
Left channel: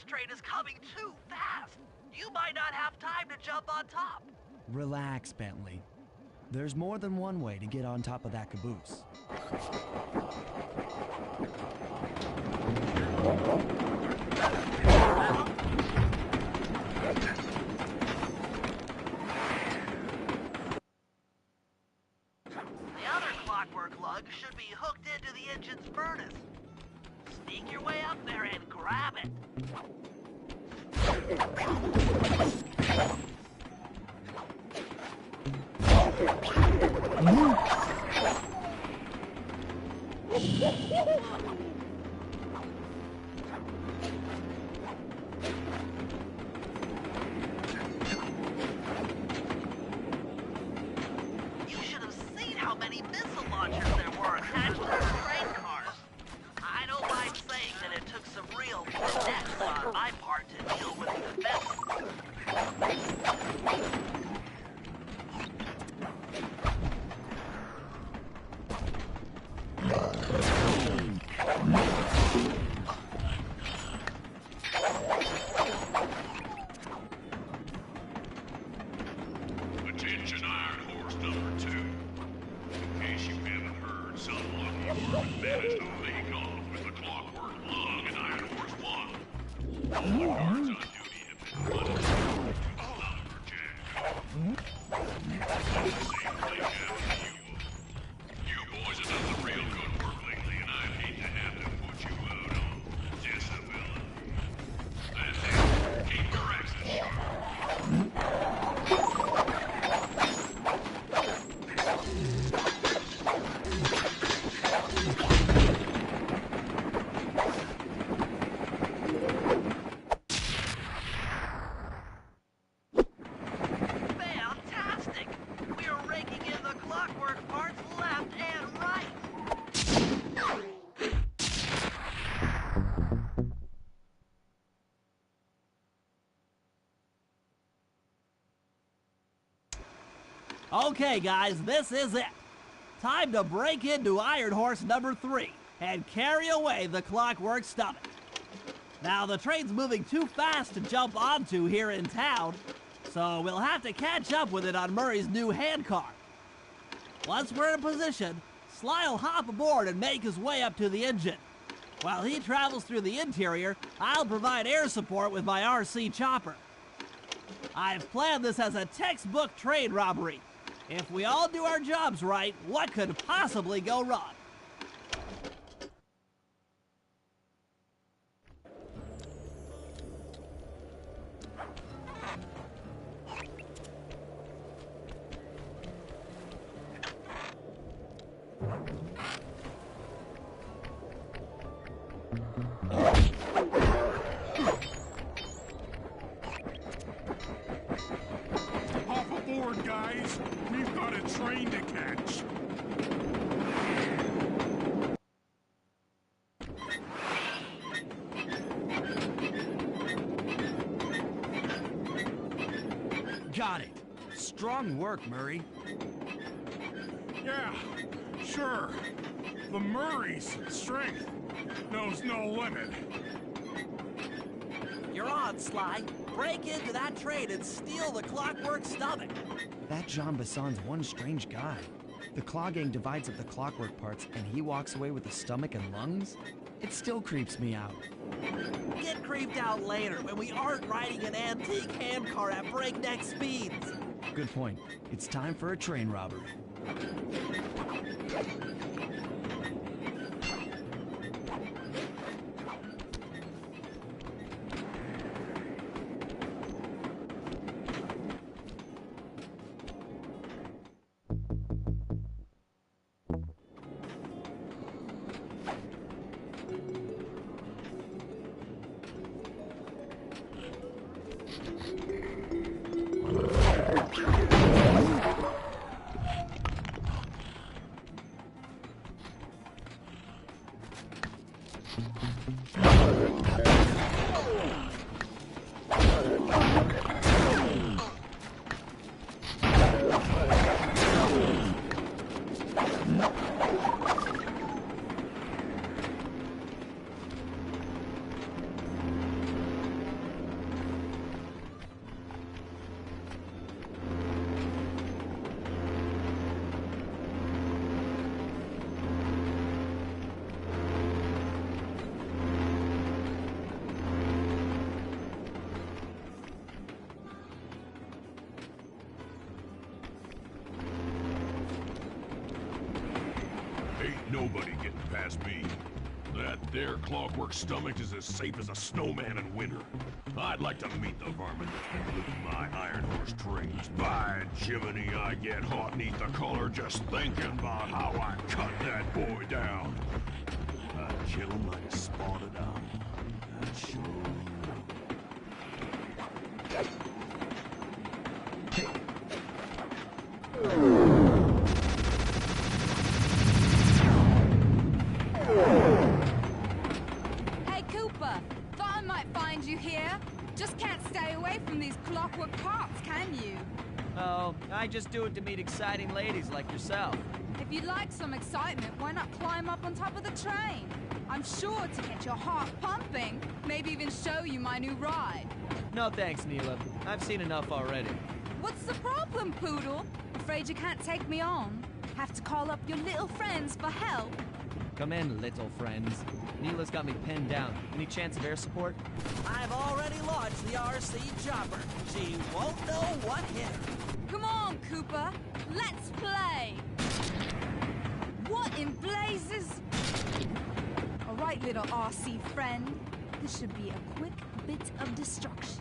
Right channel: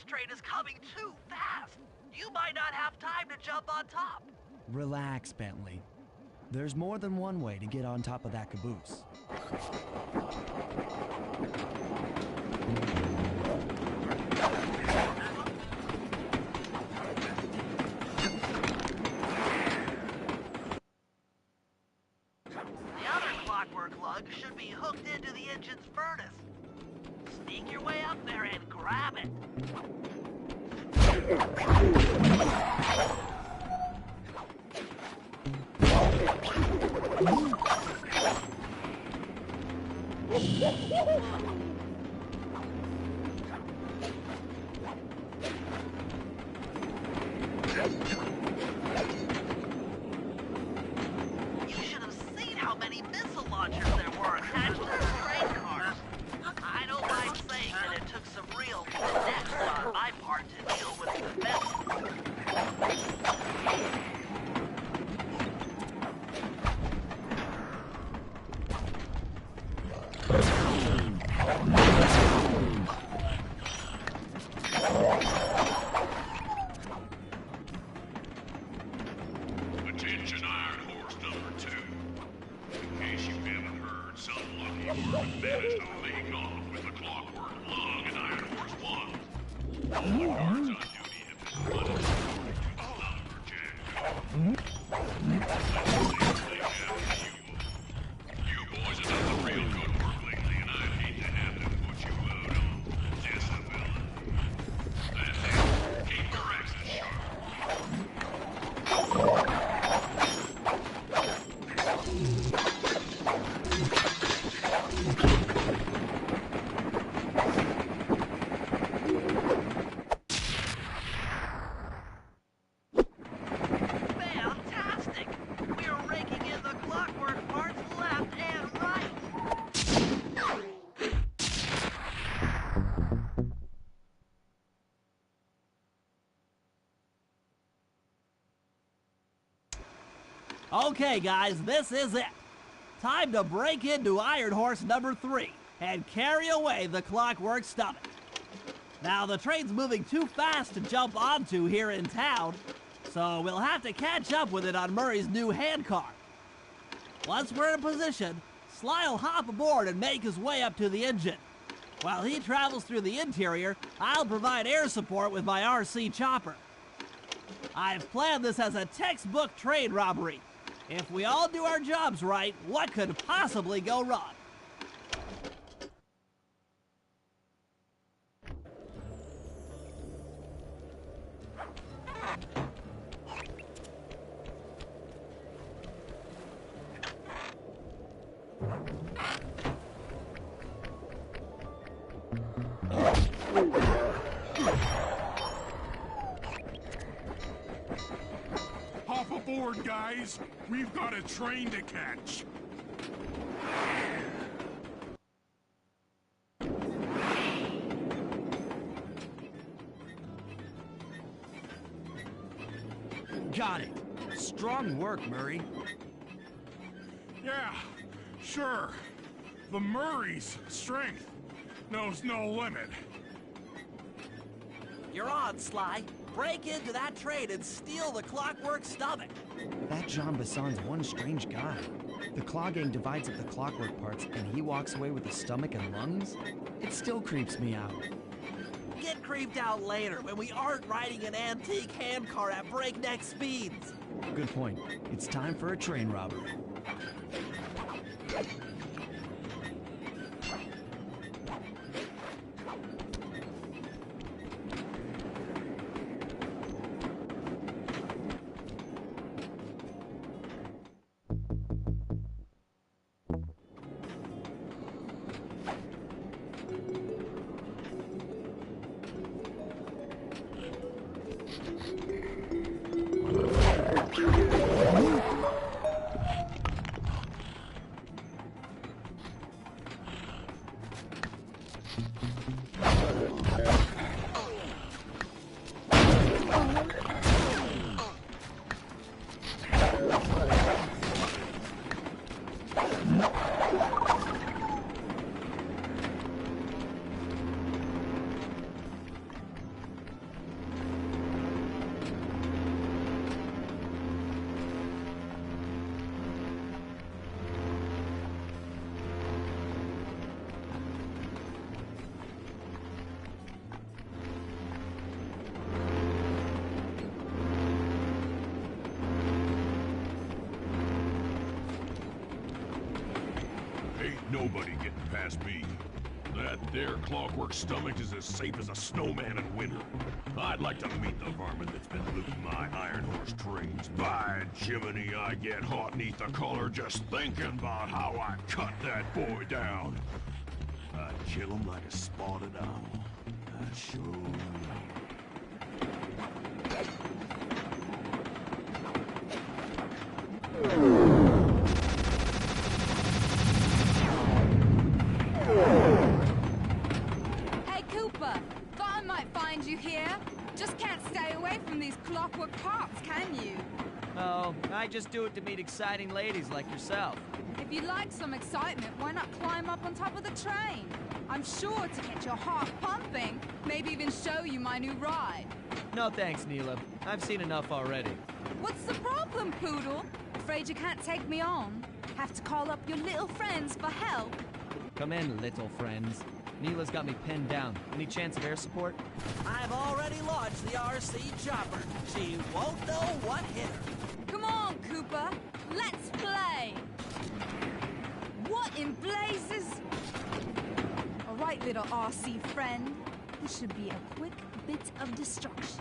Train is coming too fast. You might not have time to jump on top. Relax, Bentley. There's more than one way to get on top of that caboose. The other clockwork lug should be hooked into the engine's furnace. Sneak your way up there and grab it. You should have seen how many missile launchers there were attached to the train cars. I don't mind saying that it took some real finesse on my part to deal with the vessel. Attention Iron Horse number 2. In case you haven't heard, some lucky worm managed to make off with the clockwork lug and Iron Horse 1. All the guards on duty have been flooded to the lumberjack. Safely Okay, guys, this is it. Time to break into Iron Horse number 3 and carry away the Clockwork Stomach. Now, the train's moving too fast to jump onto here in town, so we'll have to catch up with it on Murray's new handcar. Once we're in position, Sly'll hop aboard and make his way up to the engine. While he travels through the interior, I'll provide air support with my RC chopper. I've planned this as a textbook train robbery. If we all do our jobs right, what could possibly go wrong? Hop aboard, guys. We've got a train to catch. Got it. Strong work, Murray. Yeah, sure. The Murray's strength knows no limit. You're on, Sly. Break into that train and steal the Clockwork Stomach. That Jean Besson's one strange guy. The Claw Gang divides up the clockwork parts and he walks away with the stomach and lungs? It still creeps me out. Get creeped out later when we aren't riding an antique handcar at breakneck speeds. Good point. It's time for a train robbery. Ain't nobody getting past me. That there Clockwork Stomach is as safe as a snowman in winter. I'd like to meet the varmint that's been looting my Iron Horse trains. By Jiminy, I get hot neath the collar just thinking about how I cut that boy down. I'd kill him like a spotted owl. I sure Hey, Cooper. Thought I might find you here. Just can't stay away from these clockwork parts, can you? Oh, I just do it to meet exciting ladies like yourself. If you'd like some excitement, why not climb up on top of the train? I'm sure to get your heart pumping, maybe even show you my new ride. No thanks, Neela. I've seen enough already. What's the problem, Poodle? Afraid you can't take me on? Have to call up your little friends for help? Come in, little friends. Neela's got me pinned down. Any chance of air support? I've already launched the RC chopper. She won't know what hit her. Come on, Cooper. Let's play. What in blazes? All right, little RC friend. This should be a quick bit of destruction.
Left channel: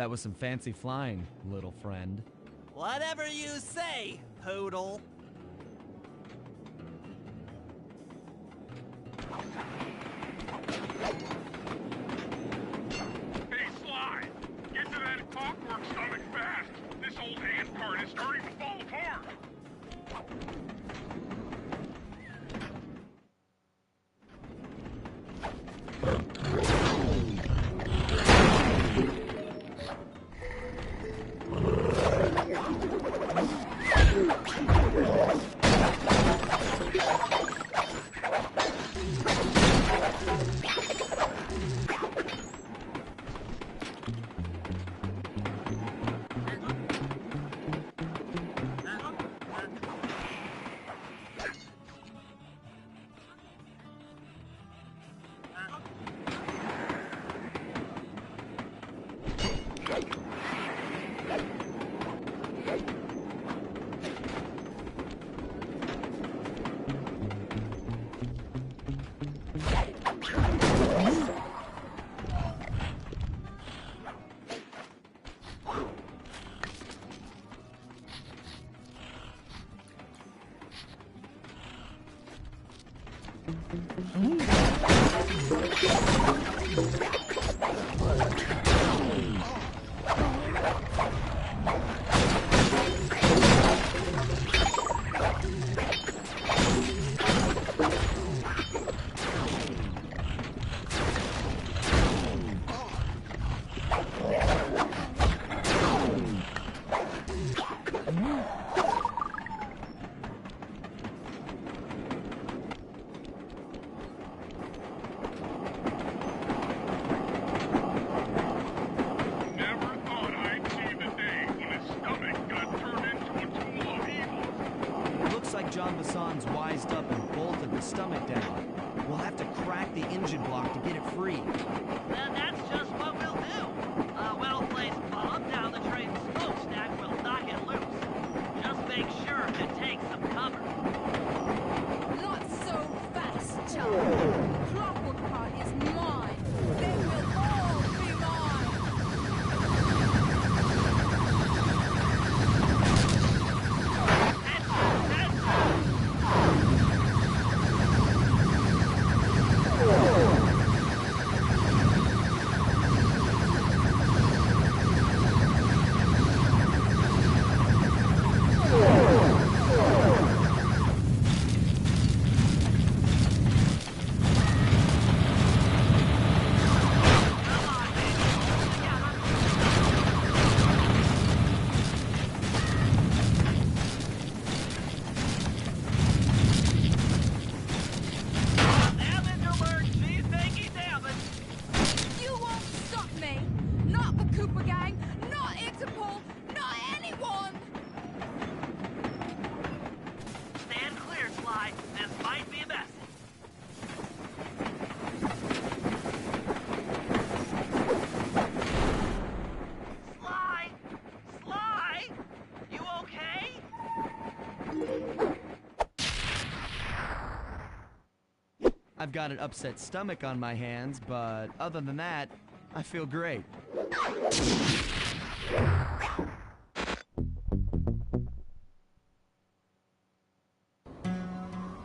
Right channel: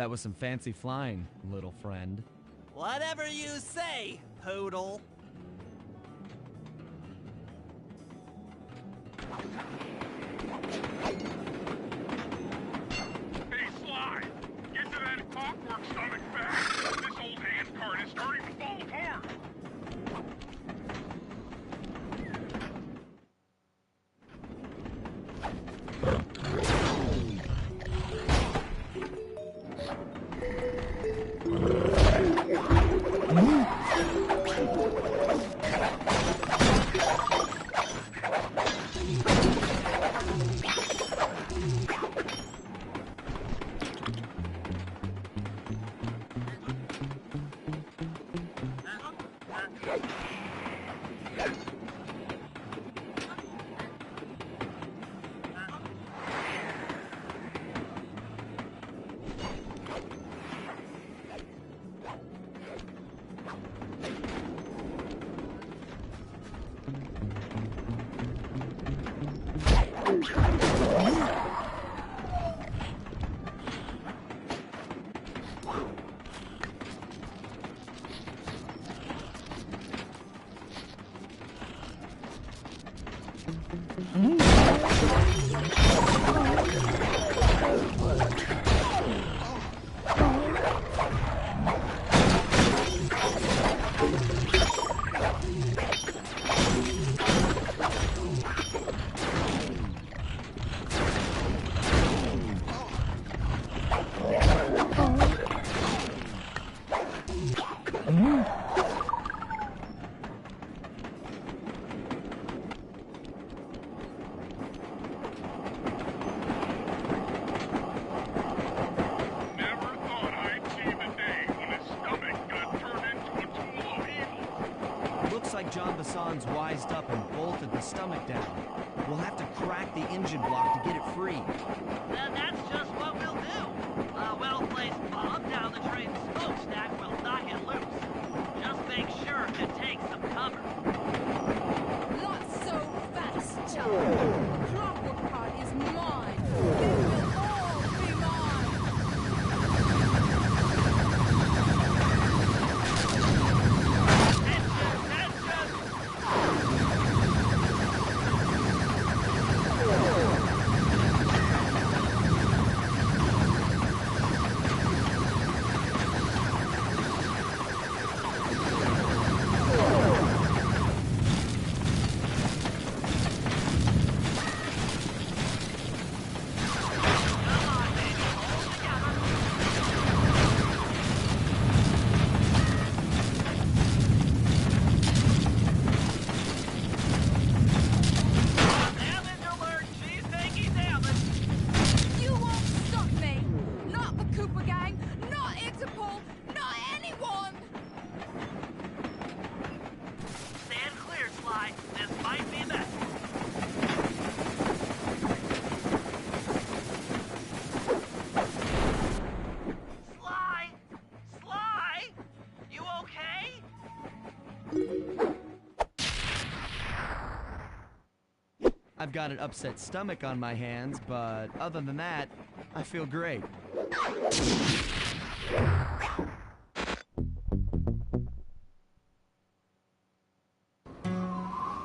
That was some fancy flying, little friend. Whatever you say, Poodle. Hey, Sly! Get to that clockwork stomach fast! This old handcart is starting to fall apart! Looks like John Bassan's wised up and bolted the stomach down. We'll have to crack the engine block to get it free. Then that's just what we'll do. A well-placed bomb down the train's smokestack will knock it loose. Just make sure to take some cover. Not so fast, chum. The clockwork part is mine. They will all be mine. I've got an upset stomach on my hands, but other than that, I feel great.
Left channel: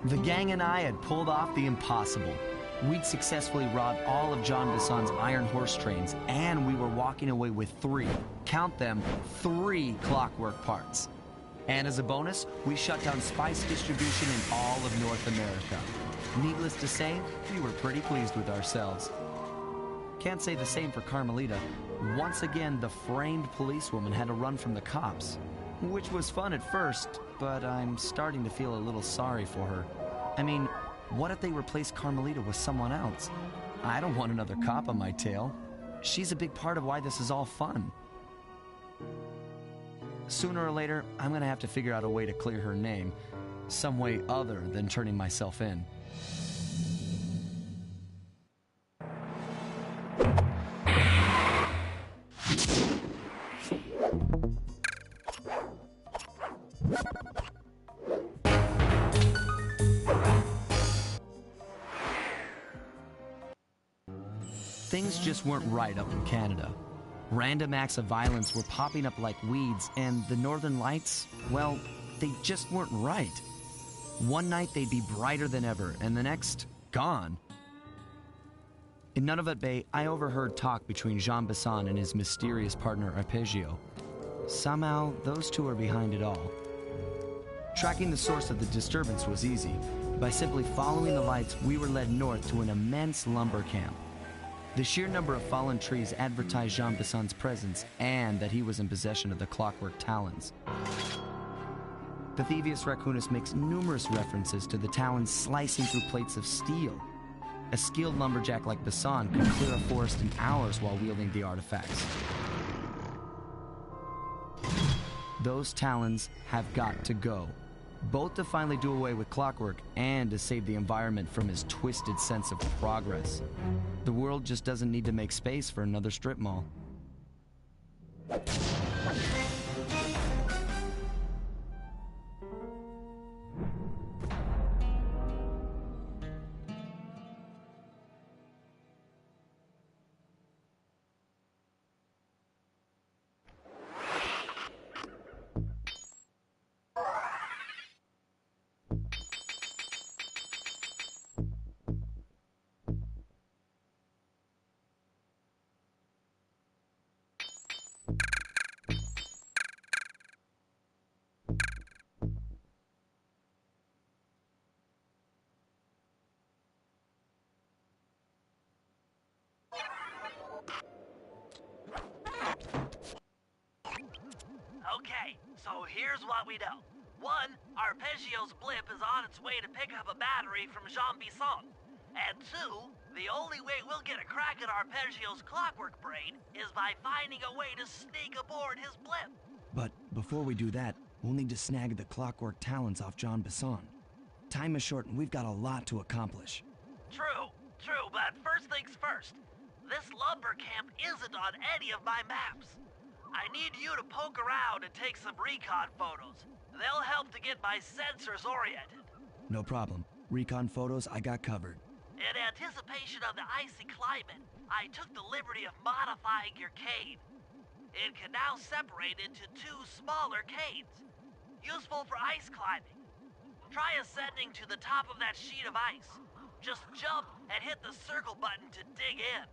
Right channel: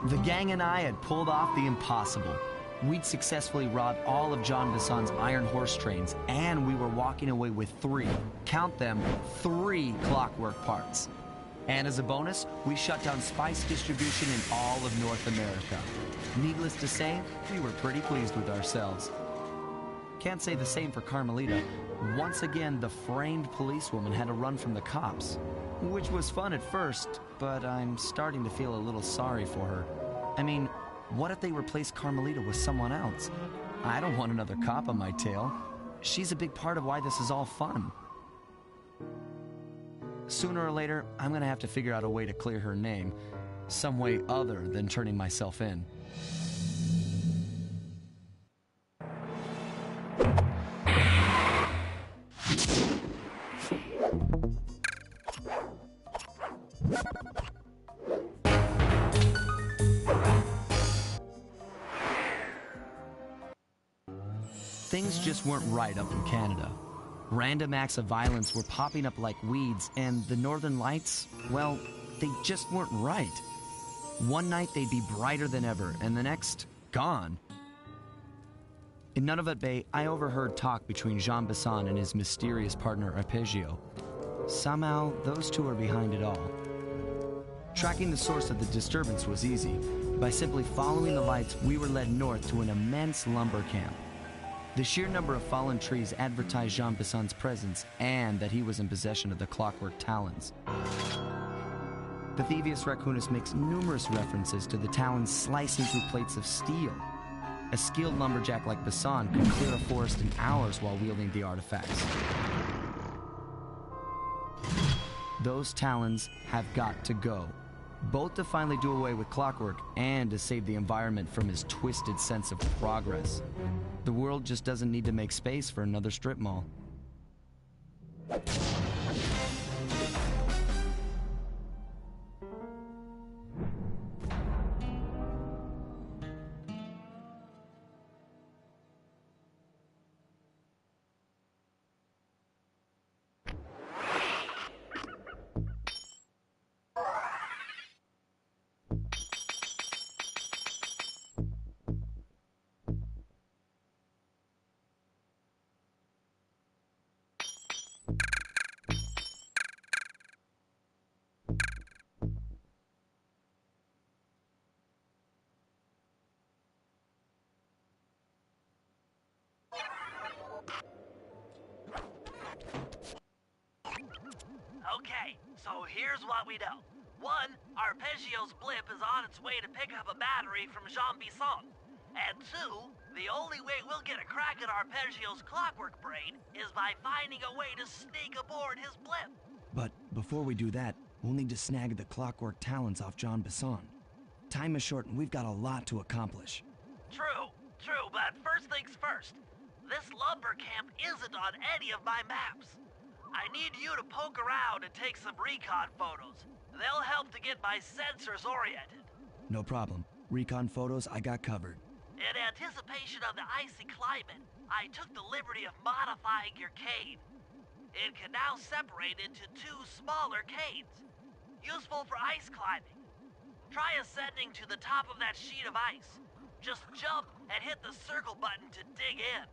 The gang and I had pulled off the impossible. We'd successfully robbed all of John Bassan's Iron Horse trains, and we were walking away with 3, count them, 3 clockwork parts. And as a bonus, we shut down spice distribution in all of North America. Needless to say, we were pretty pleased with ourselves. Can't say the same for Carmelita. Once again, the framed policewoman had to run from the cops, which was fun at first, but I'm starting to feel a little sorry for her. I mean, what if they replaced Carmelita with someone else? I don't want another cop on my tail. She's a big part of why this is all fun. Sooner or later, I'm gonna have to figure out a way to clear her name, some way other than turning myself in. Things just weren't right up in Canada. Random acts of violence were popping up like weeds, and the Northern Lights, well, they just weren't right. One night they'd be brighter than ever, and the next, gone. In Nunavut Bay, I overheard talk between Jean Bisson and his mysterious partner Arpeggio. Somehow, those two are behind it all. Tracking the source of the disturbance was easy. By simply following the lights, we were led north to an immense lumber camp. The sheer number of fallen trees advertised Jean Bisson's presence and that he was in possession of the clockwork talons. The Thievius Raccoonus makes numerous references to the talons slicing through plates of steel. A skilled lumberjack like Bisson could clear a forest in hours while wielding the artifacts. Those talons have got to go, both to finally do away with clockwork and to save the environment from his twisted sense of progress. The world just doesn't need to make space for another strip mall. Okay, so here's what we know. One, Arpeggio's blip is on its way to pick up a battery from Jean Bisson. And two, the only way we'll get a crack at Arpeggio's clockwork brain is by finding a way to sneak aboard his blip. But before we do that, we'll need to snag the clockwork talons off Jean Bisson. Time is short and we've got a lot to accomplish. True, but first things first. This lumber camp isn't on any of my maps. I need you to poke around and take some recon photos. They'll help to get my sensors oriented. No problem. Recon photos I got covered. In anticipation of the icy climate, I took the liberty of modifying your cane. It can now separate into two smaller canes, useful for ice climbing. Try ascending to the top of that sheet of ice. Just jump and hit the circle button to dig in.